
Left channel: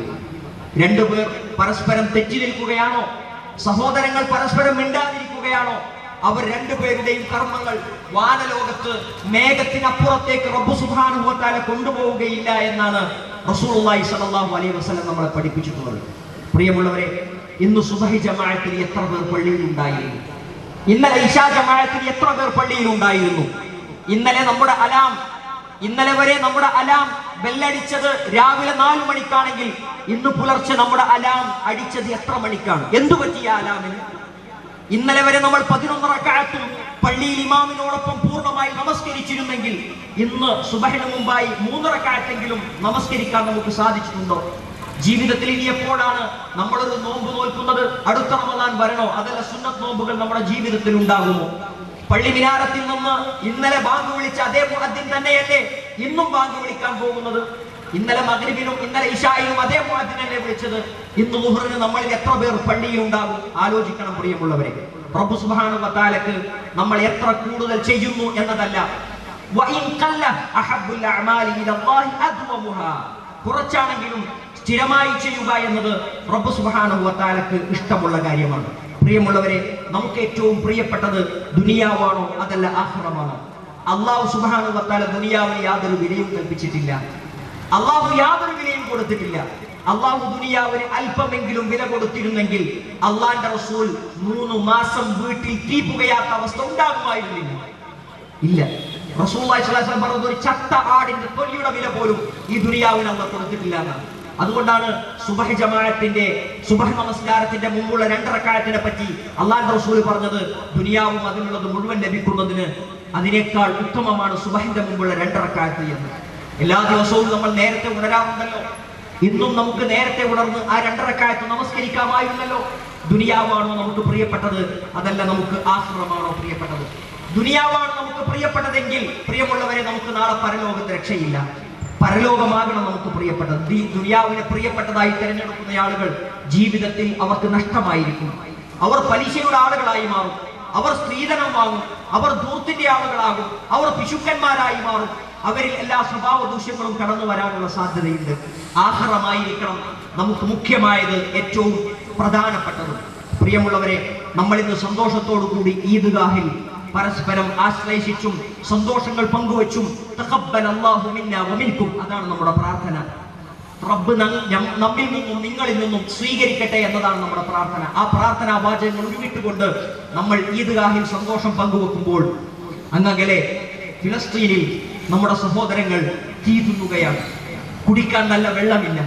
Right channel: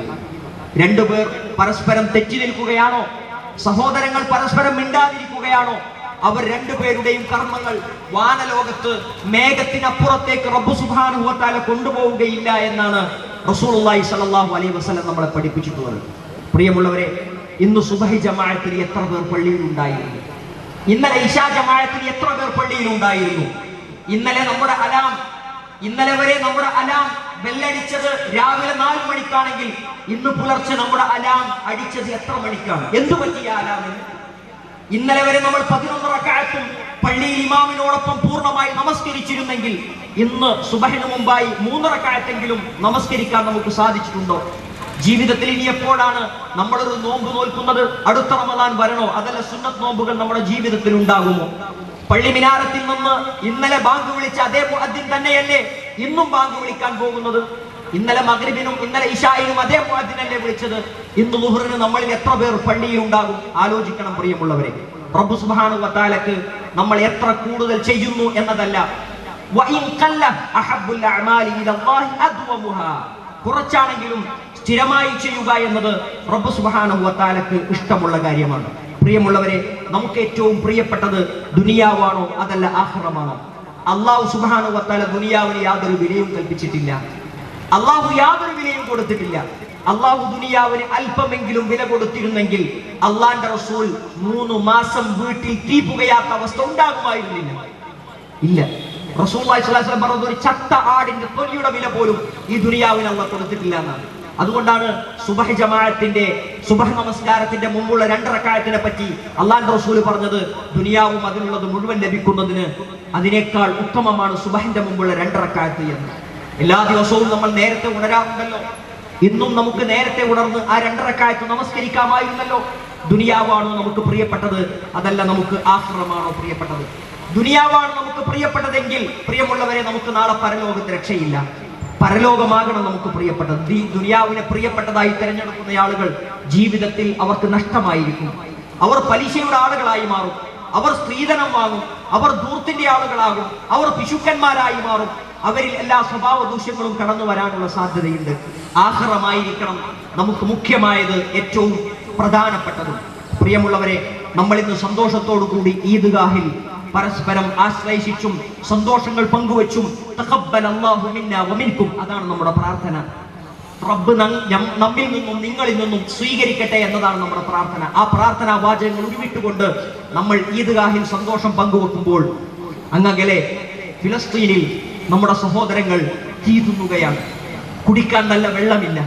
രണ്ടുപേർ പരസ്പരം തെറ്റി നിൽക്കുകയാണോ സഹോദരങ്ങൾ പരസ്പരം മിണ്ടാതിരിക്കുകയാണോ അവർ രണ്ടുപേരുടെയും കർമ്മങ്ങൾ വാനലോകത്ത് മേഘത്തിനപ്പുറത്തേക്ക് റബ്ബു സുഖാനുഭവത്താലെ കൊണ്ടുപോവുകയില്ല എന്നാണ് സ്വല്ലല്ലാഹു അലൈഹി വസല്ലം നമ്മളെ പഠിപ്പിച്ചിട്ടുള്ളത് പ്രിയമുള്ളവരെ ഇന്ന് സുബഹി ജമാഅത്തിൽ എത്ര പേർ ഉണ്ടായിരുന്നു ഇന്നലെ ഇഷാ ജമാഅത്തിൽ എത്ര പേർ ഉണ്ടായിരുന്നു ഇന്നലെ നമ്മുടെ അലാം ഇന്നലെ വരെ നമ്മുടെ അലാം ബെല്ലടിച്ചത് രാവിലെ നാല് മണിക്കാണെങ്കിൽ ഇന്ന് പുലർച്ചെ നമ്മുടെ അലാം അടിച്ചത് എത്ര മണിക്കാണ് എന്തു പറ്റിയ അലാമിന് ഇന്നലെ വരെ നമ്മൾ പതിനൊന്ന് റക്കാലത്തും പള്ളിയിൽ ഇമാമിനോടൊപ്പം പൂർണ്ണമായി നമസ്കരിച്ചിരുന്നെങ്കിൽ ഇന്ന് സുബഹിന് മുമ്പായി മൂന്നറക്കാലത്തെങ്കിലും നമസ്കരിക്കാൻ നമുക്ക് സാധിച്ചിട്ടുണ്ടോ ജീവിതത്തിൽ ഇനി എപ്പോഴാണ് നമ്മളൊരു നോമ്പ് നോൽക്കുന്നത് അടുത്ത റമദാൻ വരണോ അതല്ല സുന്നത്ത് നോമ്പുകൾ നമ്മുടെ ജീവിതത്തിൽ ഉണ്ടാകുമോ മിനാരത്തിൽ നിന്ന് ഇന്നലെ ബാങ്ക് വിളിച്ച അതേ മുഹദ്ദിൻ തന്നെയല്ലേ ഇന്നും ബാങ്ക് വിളിക്കാൻ പോകുന്നത് ഇന്നലെ മകരിബിനും ഇന്നലെ ഇഷായിനും അതേ അല്ലേ വിളിച്ചത് ഇന്ന് മുഹറിന് നമ്മൾ എത്ര പേർ പള്ളിയിൽ ഉണ്ടാകും ആലോചിക്കണം പ്രിയമുള്ളവരെ പ്രഭു സുഹാന കത്താലക്ക് നമ്മൾ എത്ര കൂടുതൽ ചെയ്യുന്നു എന്നതല്ല കുറച്ചാണെങ്കിലും സ്ഥിരമായി ചെയ്യുക എന്നത് റബ്ബ് സുബാനുവത്താലക്ക് ഇഷ്ടമുള്ള കാര്യമാണ് പ്രിയമുള്ളവരെ നമുക്ക് ഏറ്റവും പ്രിയപ്പെട്ടത് ദുനിയാവാണോ അതല്ല ആഹ്ലമാണോ അള്ളാഹു സുബാനുവത്താല ദുനിയാവിന് യാതൊരു വിലയും കൽപ്പിച്ചിട്ടില്ല അള്ളാഹു യാതൊരു വിലയും കൊടുത്തിട്ടില്ല അള്ളാഹു ദുനിയാവിന് അല്പമെങ്കിലും വില കൊടുത്തിരുന്നെങ്കിൽ അള്ളാന്റെ റസൂൽ മൂന്ന് മാസം വീട്ടിൽ തീ പുകയാത്ത അവസ്ഥ ഉണ്ടാകുമായിരുന്നില്ല ഇല്ല റസൂൽ പറഞ്ഞത് ഒരു ചത്ത ആടിന്റെ തൊലിയുടെ വില പോലും ഈ ദുനിയാവിനെ അള്ള കൊടുത്തിട്ടില്ല എന്നാണ് അതുകൊണ്ടാണ് സുബഹി ജമാഅത്തിന്റെ സുബഹ് നമസ്കാരത്തിന്റെ മുമ്പുള്ള രണ്ടറക്കായത്തിനെ പറ്റി അള്ളാഹു റസൂൽ പറഞ്ഞത് ദുനിയാവും അതിനുള്ളത് മുഴുവൻ ലഭിക്കുന്നതിന് അതിനേക്കാൾ ഉത്തമമാണ് സുബഹിന്റെ മുമ്പുള്ള രണ്ടറക്കായത്ത് എന്ന് എല്ലാ ദിവസവും നമ്മൾ നേരത്തെ ഉണരാറുണ്ടല്ലോ ഇന്നും നമുക്ക് നേരത്തെ ഉണർന്ന് ആ രണ്ടറക്കായത്ത് നമസ്കരിക്കാമായിരുന്നല്ലോ ദുനിയാവാണോ നമുക്ക് പ്രിയപ്പെട്ടത് അതല്ല നമുക്ക് ആഹ്റമാണോ പ്രിയപ്പെട്ടത് ദുനിയാവാണ് നമുക്ക് പ്രിയപ്പെട്ടതെങ്കിൽ പ്രിയമുള്ളവരെ നമുക്ക് നാളെ പരലോകത്ത് രക്ഷയില്ല പരലോകമാകണം നമുക്ക് പ്രിയപ്പെട്ടത് ഈ ദുനിയാവിനെ പ്രിയപ്പെട്ടതായി തിരഞ്ഞെടുക്കുന്ന ആളുകൾ ജീവിതത്തിൽ അവർക്ക് നഷ്ടമായിരിക്കും അവർ പലിശയുടെ ആളുകളായി മാറും അവർ സ്ത്രീധനം വാങ്ങും അവർ ദൂർത്തിന്റെ ആളുകളാകും അവർ പിശുക്കന്മാരായി മാറും അവരിൽ എല്ലാ സ്വഭാവ ദൂഷ്യങ്ങളും കടന്നു വരാനുള്ള സാധ്യതയുണ്ട് ആഹ്റമായിരിക്കണം നമുക്ക് മുഖ്യമായത് ഏറ്റവും പ്രധാനപ്പെട്ടത് പ്രിയമുള്ളവരെ നമ്മളിന്ന് സന്തോഷത്തോടു കൂടി ഈദ്ഗാഹിൽ പരസ്പരം ആശ്ലേഷിച്ചും സന്തോഷങ്ങൾ പങ്കുവച്ചും അതാണ് നമ്മുടെ പ്രാർത്ഥന റബ്ബ് നമ്മിൽ നിന്നും നിങ്ങളിൽ നിന്നും സ്വീകരിക്കട്ടെ എന്നതാണ് നമ്മുടെ പ്രാർത്ഥന ആ പ്രാർത്ഥന വാചകങ്ങൾ ഉരുവിട്ടുകൊണ്ട് നമ്മൾ ഈദ്ഗാഹിൽ സന്തോഷം പങ്കുവെക്കുമ്പോൾ അങ്ങകലെ ഫിലസ്തീനിൽ നമ്മുടെ സഹോദരങ്ങൾ തീതുന്നുകയാണ് കുടിക്കാൻ നല്ല വെള്ളമില്ല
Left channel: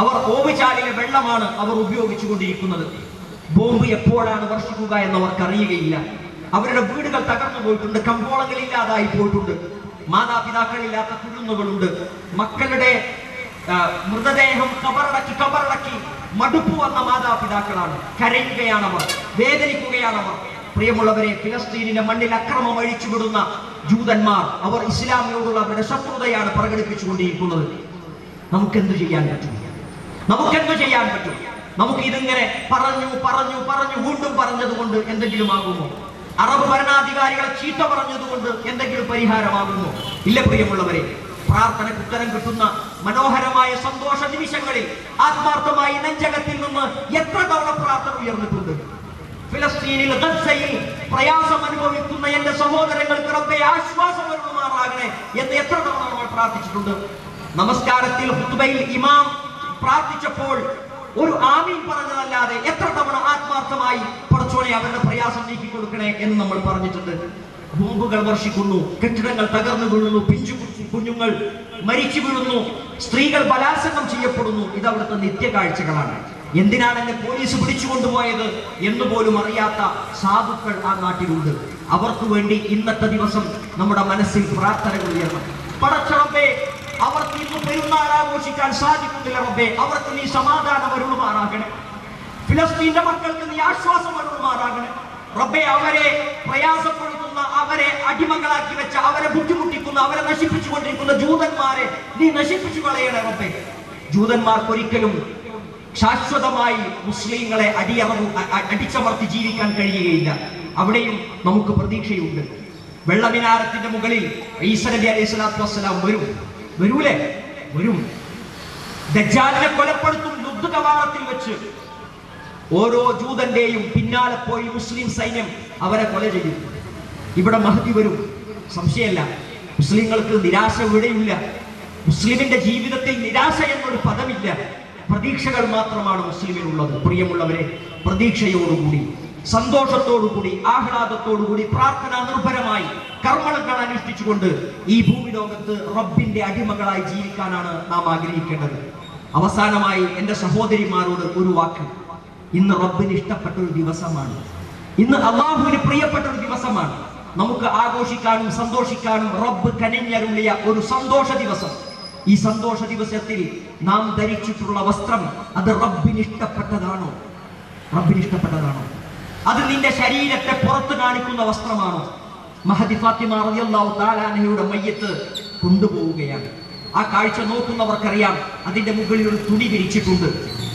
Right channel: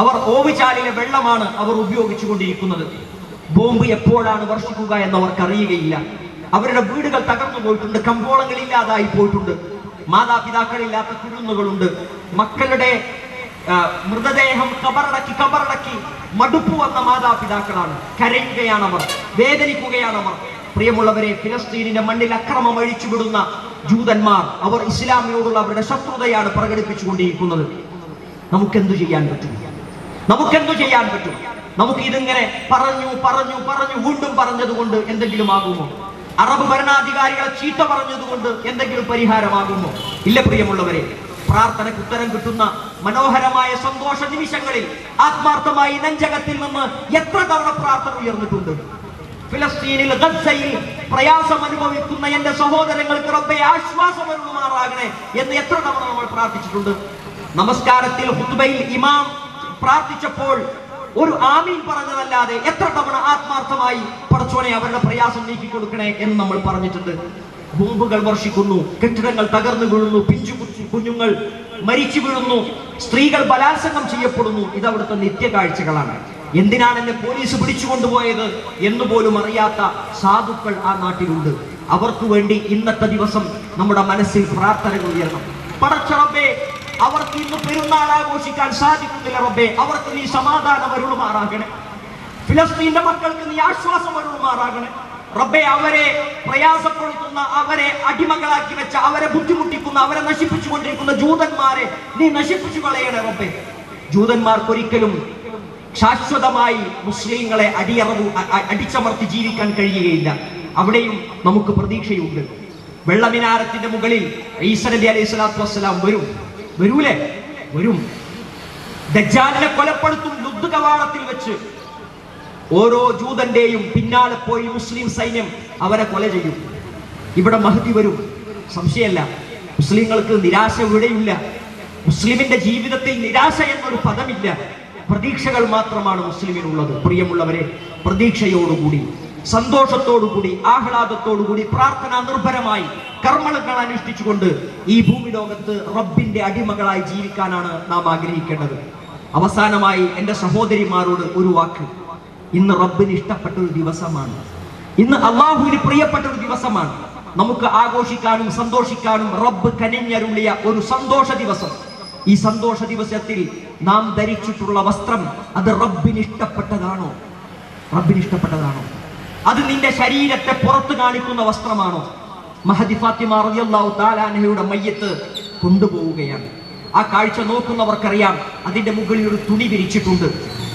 അവർ ഓവിചാരിക വെള്ളമാണ് അവർ ഉപയോഗിച്ചുകൊണ്ടിരിക്കുന്നത് ബോംബ് എപ്പോഴാണ് വർഷിക്കുക എന്നവർക്കറിയുകയില്ല അവരുടെ വീടുകൾ തകർന്നു പോയിട്ടുണ്ട് ഇല്ലാതായി പോയിട്ടുണ്ട് മാതാപിതാക്കളില്ലാത്ത കുടുംബങ്ങളുണ്ട് മക്കളുടെ മൃതദേഹം കബറടക്കി കബറടക്കി മടുപ്പ് വന്ന മാതാപിതാക്കളാണ് കരയുകയാണ് അവർ വേദനിക്കുകയാണ് അവർ പ്രിയമുള്ളവരെ ഫിലസ്തീനിന്റെ മണ്ണിൽ അക്രമം അഴിച്ചുവിടുന്ന ജൂതന്മാർ അവർ ഇസ്ലാമിയോടുള്ള അവരുടെ ശത്രുതയാണ് പ്രകടിപ്പിച്ചുകൊണ്ടിരിക്കുന്നത് നമുക്കെന്ത് ചെയ്യാൻ പറ്റും നമുക്കെന്ത് ചെയ്യാൻ പറ്റും നമുക്ക് ഇതിങ്ങനെ പറഞ്ഞു പറഞ്ഞു പറഞ്ഞു വീണ്ടും പറഞ്ഞതുകൊണ്ട് എന്തെങ്കിലും ആകുമോ അറബ് ഭരണാധികാരികളെ ചീത്ത പറഞ്ഞതുകൊണ്ട് എന്തെങ്കിലും പരിഹാരമാകുന്നു ഇല്ല പ്രിയമുള്ളവരെ പ്രാർത്ഥന ഉത്തരം കിട്ടുന്ന മനോഹരമായ സന്തോഷ നിമിഷങ്ങളിൽ ആത്മാർത്ഥമായി നെഞ്ചകത്തിൽ നിന്ന് എത്ര തവണ പ്രാർത്ഥന ഉയർന്നിട്ടുണ്ട് ഫിലസ്തീനിൽ ഗസയിൽ പ്രയാസം അനുഭവിക്കുന്ന എന്റെ സഹോദരങ്ങൾക്ക് റബ്ബെ ആശ്വാസം വരുമാറാകണേ എന്ന് എത്ര തവണ നമ്മൾ പ്രാർത്ഥിച്ചിട്ടുണ്ട് നമസ്കാരത്തിൽ ഹുദ്ബയിൽ ഇമാം പ്രാർത്ഥിച്ചപ്പോൾ ഒരു ആമീൻ പറഞ്ഞതല്ലാതെ എത്ര തവണ ആത്മാർത്ഥമായി പടച്ചോനെ അവരുടെ പ്രയാസം നീക്കി കൊടുക്കണേ എന്ന് നമ്മൾ പറഞ്ഞിട്ടുണ്ട് ബോംബുകൾ വർഷിക്കുന്നു കെട്ടിടങ്ങൾ തകർന്നു വീഴുന്നു പിഞ്ചു കുഞ്ഞുങ്ങൾ മരിച്ചു വീഴുന്നു സ്ത്രീകൾ ബലാത്സംഗം ചെയ്യപ്പെടുന്നു ഇത് അവിടുത്തെ നിത്യകാഴ്ചകളാണ് എന്തിനാണ് എന്നെ പോലീസ് പിടിച്ചു കൊണ്ടുപോയത് എന്ന് പോലും അറിയാത്ത സാധുക്കൾ ആ നാട്ടിലുണ്ട് അവർക്ക് വേണ്ടി ഇന്നത്തെ ദിവസം നമ്മുടെ മനസ്സിൽ പ്രാർത്ഥന ഉയർന്നു പടച്ചറബേ അവർക്ക് ഇന്ന് പെരുന്നാൾ ആഘോഷിക്കാൻ സാധിക്കുന്നില്ല റബ്ബേ അവർക്ക് നീ സമാധാനം വരുമാറാകണം ഫിലസ്തീന്റെ മക്കൾക്ക് നീ ആശ്വാസം വന്നുമാറാകണേ റബ്ബെ അവരെ പ്രയാസപ്പെടുത്തുന്ന അവരെ അടിമകളാക്കി വെച്ച അവരെ ബുദ്ധിമുട്ടിക്കുന്ന അവരെ നശിപ്പിച്ചു കൊണ്ടിരിക്കുന്ന ജൂതന്മാരെ നീ നശിപ്പിച്ചു കളയണേ റബ്ബെ ജൂതന്മാർക്കൊരിക്കലും ശാശ്വതമായി മുസ്ലിങ്ങളെ അടിയറവ് അടിച്ചമർത്തി ജീവിക്കാൻ കഴിയുകയില്ല അവിടെയും നമുക്ക് പ്രതീക്ഷയുണ്ട് വെള്ളമിനാരത്തിന്റെ മുകളിൽ ഈസ അലൈഹി സ്വലാത്തു വസ്സലാം വരും വരൂലേ വരും ദജ്ജാലിനെ കൊലപ്പെടുത്തും യുദ്ധ കവാടത്തിൽ വെച്ച് ഓരോ ജൂതന്റെയും പിന്നാലെ പോയി മുസ്ലിം സൈന്യം അവരെ കൊല ചെയ്തു ഇവിടെ മഹതി വരും സംശയമല്ല മുസ്ലിങ്ങൾക്ക് നിരാശ ഇവിടെയില്ല മുസ്ലിമിന്റെ ജീവിതത്തിൽ നിരാശ എന്നൊരു പദമില്ല പ്രതീക്ഷകൾ മാത്രമാണ് മുസ്ലിമിനുള്ളത് പ്രിയമുള്ളവരെ പ്രതീക്ഷയോടുകൂടി സന്തോഷത്തോടുകൂടി ആഹ്ലാദത്തോടുകൂടി പ്രാർത്ഥന നിർഭരമായി കർമ്മങ്ങൾ അനുഷ്ഠിച്ചുകൊണ്ട് ഈ ഭൂമി ലോകത്ത് റബ്ബിന്റെ അടിമകളായി ജീവിക്കാനാണ് നാം ആഗ്രഹിക്കേണ്ടത് അവസാനമായി എൻ്റെ സഹോദരിമാരോട് ഒരു വാക്ക് ഇന്ന് റബ്ബിന് ഇഷ്ടപ്പെട്ട ഒരു ദിവസമാണ് ഇന്ന് അള്ളാഹുവിന് പ്രിയപ്പെട്ട ഒരു ദിവസമാണ് നമുക്ക് ആഘോഷിക്കാനും സന്തോഷിക്കാനും റബ്ബ് കനിഞ്ഞരുളിയ ഒരു സന്തോഷ ദിവസം ഈ സന്തോഷ ദിവസത്തിൽ നാം ധരിച്ചിട്ടുള്ള വസ്ത്രം അത് റബ്ബിന് ഇഷ്ടപ്പെട്ടതാണോ റബ്ബിന് ഇഷ്ടപ്പെട്ടതാണോ അത് നിന്റെ ശരീരത്തെ പുറത്തു കാണിക്കുന്ന വസ്ത്രമാണോ മഹദി ഫാത്തിമ റളിയല്ലാഹു മയ്യത്ത് കൊണ്ടുപോവുകയാണ് ആ കാഴ്ച നോക്കുന്നവർക്കറിയാം അതിന്റെ മുകളിൽ ഒരു തുണി ധരിച്ചിട്ടുണ്ട്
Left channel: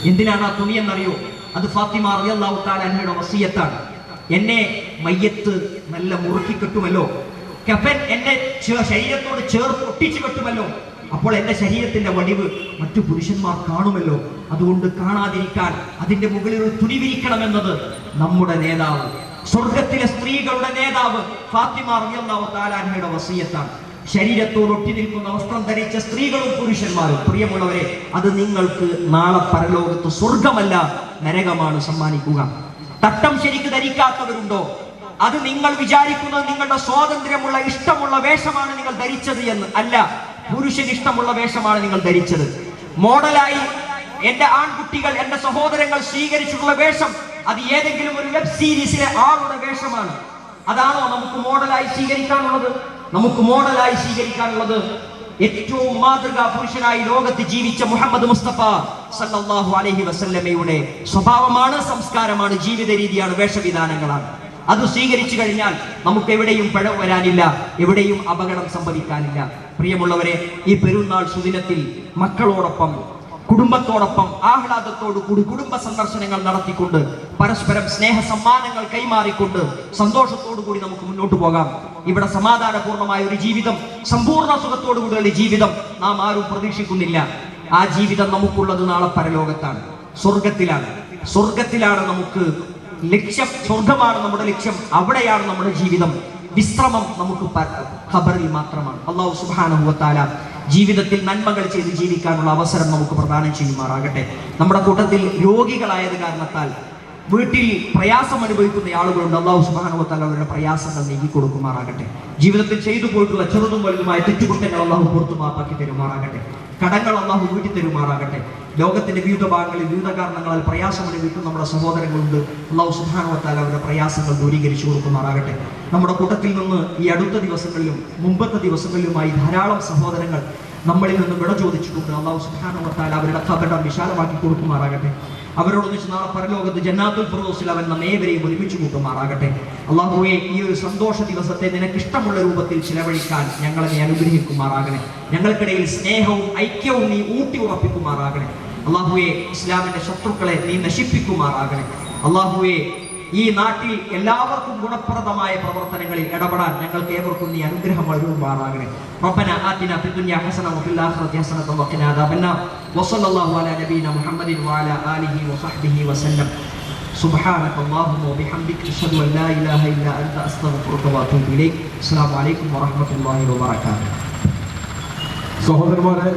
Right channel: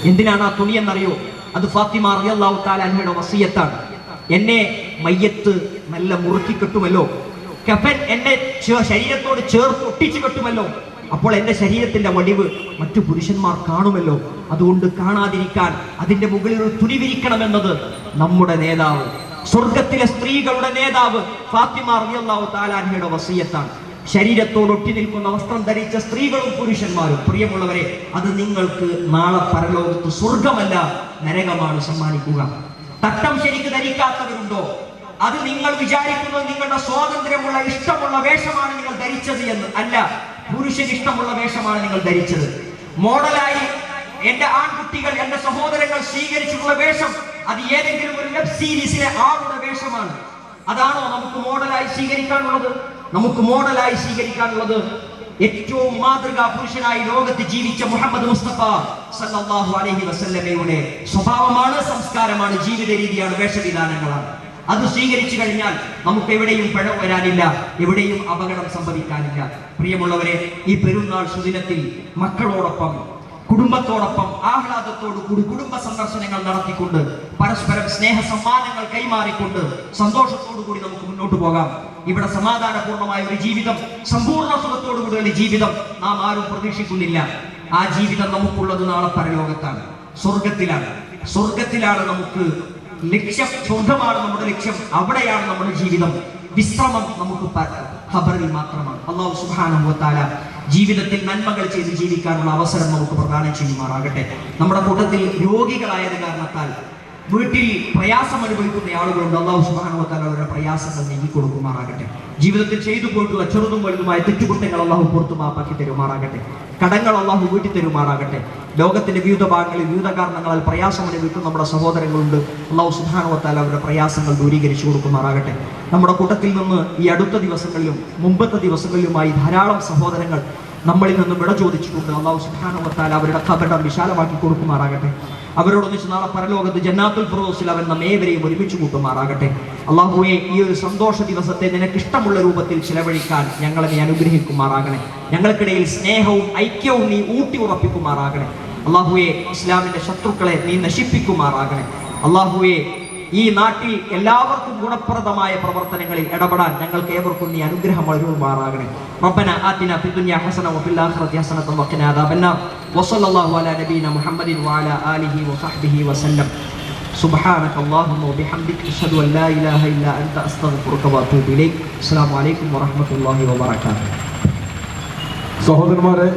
എന്തിനാണ് ആ തുണി എന്നറിയോ അത് ഫാത്തിമ അറിയാഹു വസീയത്താണ് എന്നെ മയ്യത്ത് നല്ല മുറുക്കി കെട്ടുമല്ലോ കഫൻ എന്റെ ശരീരത്തോട് ചേർത്ത് ഒട്ടിച്ചു കെട്ടുമല്ലോ അപ്പോൾ എന്റെ ശരീരത്തിന്റെ വടിവ് മറ്റു പുരുഷന്മാർ കാണുമല്ലോ അതുകൊണ്ട് കാണാതിരിക്കാൻ അതിന്റെ മുകളിൽ ഒരു തുണി വിരിക്കണമെന്നത് നമ്മുടെ നേതാവ് സ്വർഗത്തിലെ സ്ത്രീകളുടെ നേതാവ് ഫാത്തിമ അറിയാഹു വസീയത്താണ് ശരീരത്തോട് ഒട്ടി നിൽക്കുന്ന വസ്ത്രം ധരിച്ച സ്ത്രീകളും പുരുഷന്മാരും പ്രിയമുള്ളവരെ അത് നിങ്ങൾക്ക് നാളെ പരലോകത്ത് സ്വർഗമല്ല നരകമാണ് സമ്മാനിക്കുക തട്ടം ശരിക്ക് ധരിക്കാത്തവരുണ്ടോ അത് നിങ്ങൾ വിചാരിക്കുന്നത് നിങ്ങളുടെ സ്വാതന്ത്ര്യമുള്ള ഇഷ്ടമുള്ള വേഷമാണ് നിങ്ങൾ ധരിച്ചത് എന്ന് അല്ല പുരുഷൻ ഇഷ്ടമുള്ള വേഷമാണ് നിങ്ങൾ ധരിച്ചത് മോഡലായി എന്റെ ആൺകുട്ടികൾ എന്റെ സഹോദരങ്ങൾ സ്വീകരിച്ചിട്ടുള്ള വേഷം അത് ഏതെങ്കിലും ഒരു വെബ് സീരീസിലെ ആളുടെ വേഷമാണ് അതാണോ നമുക്ക് മോഡലായി സ്വീകരിക്കാനുള്ളത് നമുക്ക് മോഡലായി സ്വീകരിക്കാനുള്ളത് ഏറ്റവും മാതൃകാ പുരുഷനായി ലോകത്ത് ജീവിച്ച മുഹമ്മദ് മുസ്തഫ സല്ലാഹു അലഹി വസല്ലമയുടെ സ്വഭാവമാണ് സംസ്കാരമാണ് ജീവിത രീതിയാണ് വേഷവിധാനങ്ങളാണ് അത് സ്വീകരിച്ചു കഴിഞ്ഞാൽ നമുക്ക് എവിടെയും പഴം വരാനില്ല എവിടെയും അപകടം സംഭവിക്കാനില്ല പ്രിയമുള്ളവരെ ഈ പെരുന്നാൾ സുദിനത്തിൽ മക്കളോടൊപ്പം കുടുംബത്തോടൊപ്പം ആഹ്ലാദത്തോടു കൂടി കുടുംബ സന്ദർശനങ്ങൾ നടത്തിക്കൊണ്ട് പരസ്പരം സ്നേഹ സമ്മാനങ്ങൾ കൈമാറിക്കൊണ്ട് സന്തോഷത്തോടു കൂടി നമുക്ക് മുന്നോട്ട് പോകാം ഇവിടെ സമാധാനപൂർണ്ണമായ ഒരു ജീവിതം സമ്പൂർണ്ണ സുഖത്തോടു കൂടി ഒരു ജീവിതം നാം ആരും പ്രതീക്ഷിക്കുന്നില്ല ആ ജീവിതം നമുക്കുള്ളത് നാളെ പരലോകത്താണ് സ്വർഗത്തിലാണ് സ്വർഗത്തിലാണ് നമുക്ക് ലക്ഷ്യം സ്വർഗമാണ് നമ്മുടെ ലക്ഷ്യം അവിടെയാണ് നമ്മുടെ ജീവിതം വിശ്രമം നമുക്ക് ഖബറിൽ മാത്രമാണ് അള്ളാഹു സുബാനുഭവത്താല ജീവിതത്തിൽ നന്മകൾ ചെയ്ത് ജീവിക്കാനുള്ള അവസരം നമുക്ക് പ്രദാനം ചെയ്യുമാറാകട്ടെ നമ്മുടെ കൂട്ടത്തിൽ രോഗികളായത് കാരണത്താൽ വീട്ടിൽ പ്രയാസം അനുഭവിക്കുന്ന ആളുകളുണ്ട് അള്ളാഹു സുബാനുഭവത്താല അവരുടെ പ്രയാസങ്ങൾ നീക്കി കൊടുക്കുമാറാകട്ടെ ജീവിതത്തിൽ ചെയ്തു പോയിട്ടുള്ള ചെറുതും വലുതുമായ തെറ്റുകുറ്റങ്ങൾ അള്ളാഹു മാപ്പാക്കി തരുമാറാകട്ടെ കടങ്ങൾ അള്ളാഹു വീട്ടി തരുമാറാകട്ടെ ലോകത്തിന്റെ വിവിധ ഭാഗങ്ങളിൽ വിവിധ കാരണങ്ങളാൽ പ്രയാസം അനുഭവിക്കുന്ന നമ്മുടെ സഹോദരങ്ങളുണ്ട് അള്ളാഹു സുഹാനവത്താൽ അവരുടെ പ്രയാസങ്ങൾ ദൂരീകരിച്ചു കൊടുക്കുമാറാകട്ടെ നമ്മുടെ കൂട്ടത്തിൽ നിന്ന് ഈ അടുത്ത ദിവസങ്ങളിലും മുമ്പത്തെ ദിവസങ്ങളിലുമായി ധാരാളം സഹോദരങ്ങൾ നമ്മളിൽ നിന്ന് വിട ചോദിച്ചിട്ടുണ്ട് അള്ളാഹു സുഹാനവത്താൽ അവരുടെ കഥടം വിശാലമാക്കി കൊടുക്കുമാറാകട്ടെ അവരോടൊന്നിച്ച് നാളെ പരലോകത്ത് ജന്നാത്തുൽ ഫിറോസിൽ അവൻ നമ്മേവരെയും ഒരുമിച്ചു കൂട്ടുമാറാകട്ടെ അള്ളാഹുവെ ഈ ഒരു സന്തോഷ ദിവസത്തെ നിനക്ക് ഇഷ്ടമുള്ള രൂപത്തിൽ ചിലവഴിക്കാൻ ഞങ്ങളെ നീ അനുഗ്രഹിക്കുമാറാകണം ഞങ്ങൾക്കിടയിൽ സ്നേഹവും ഐക്യവും നീ ഊട്ടി ഉറപ്പിക്കുമാറാകണം അള്ളാഹുവെ ഇസ്ലാമിന്റെ ശത്രുക്കളെ നീ നശിപ്പിക്കുമാറാകണം അള്ളാഹുവെ ഈ നാട്ടിൽ എല്ലാവർക്കും ഗുണപ്രദമായ പ്രവർത്തനങ്ങളിൽ ഇടപെടാൻ ഞങ്ങൾക്ക് ഏവർക്കും നീ അനുഗ്രഹം നൽകുമാറാകണേ ربنا آتنا في الدنيا حسنة وفي الآخرة حسنة وقنا عذاب النار وصلى الله على نبينا محمد وعلى آله وصحبه وسلم سبحانك اللهم وبحمدك أشهد أن لا إله إلا أنت أستغفرك وأتوب إليك السلام عليكم ورحمة الله وبركاته സഹോദരന്മാരെ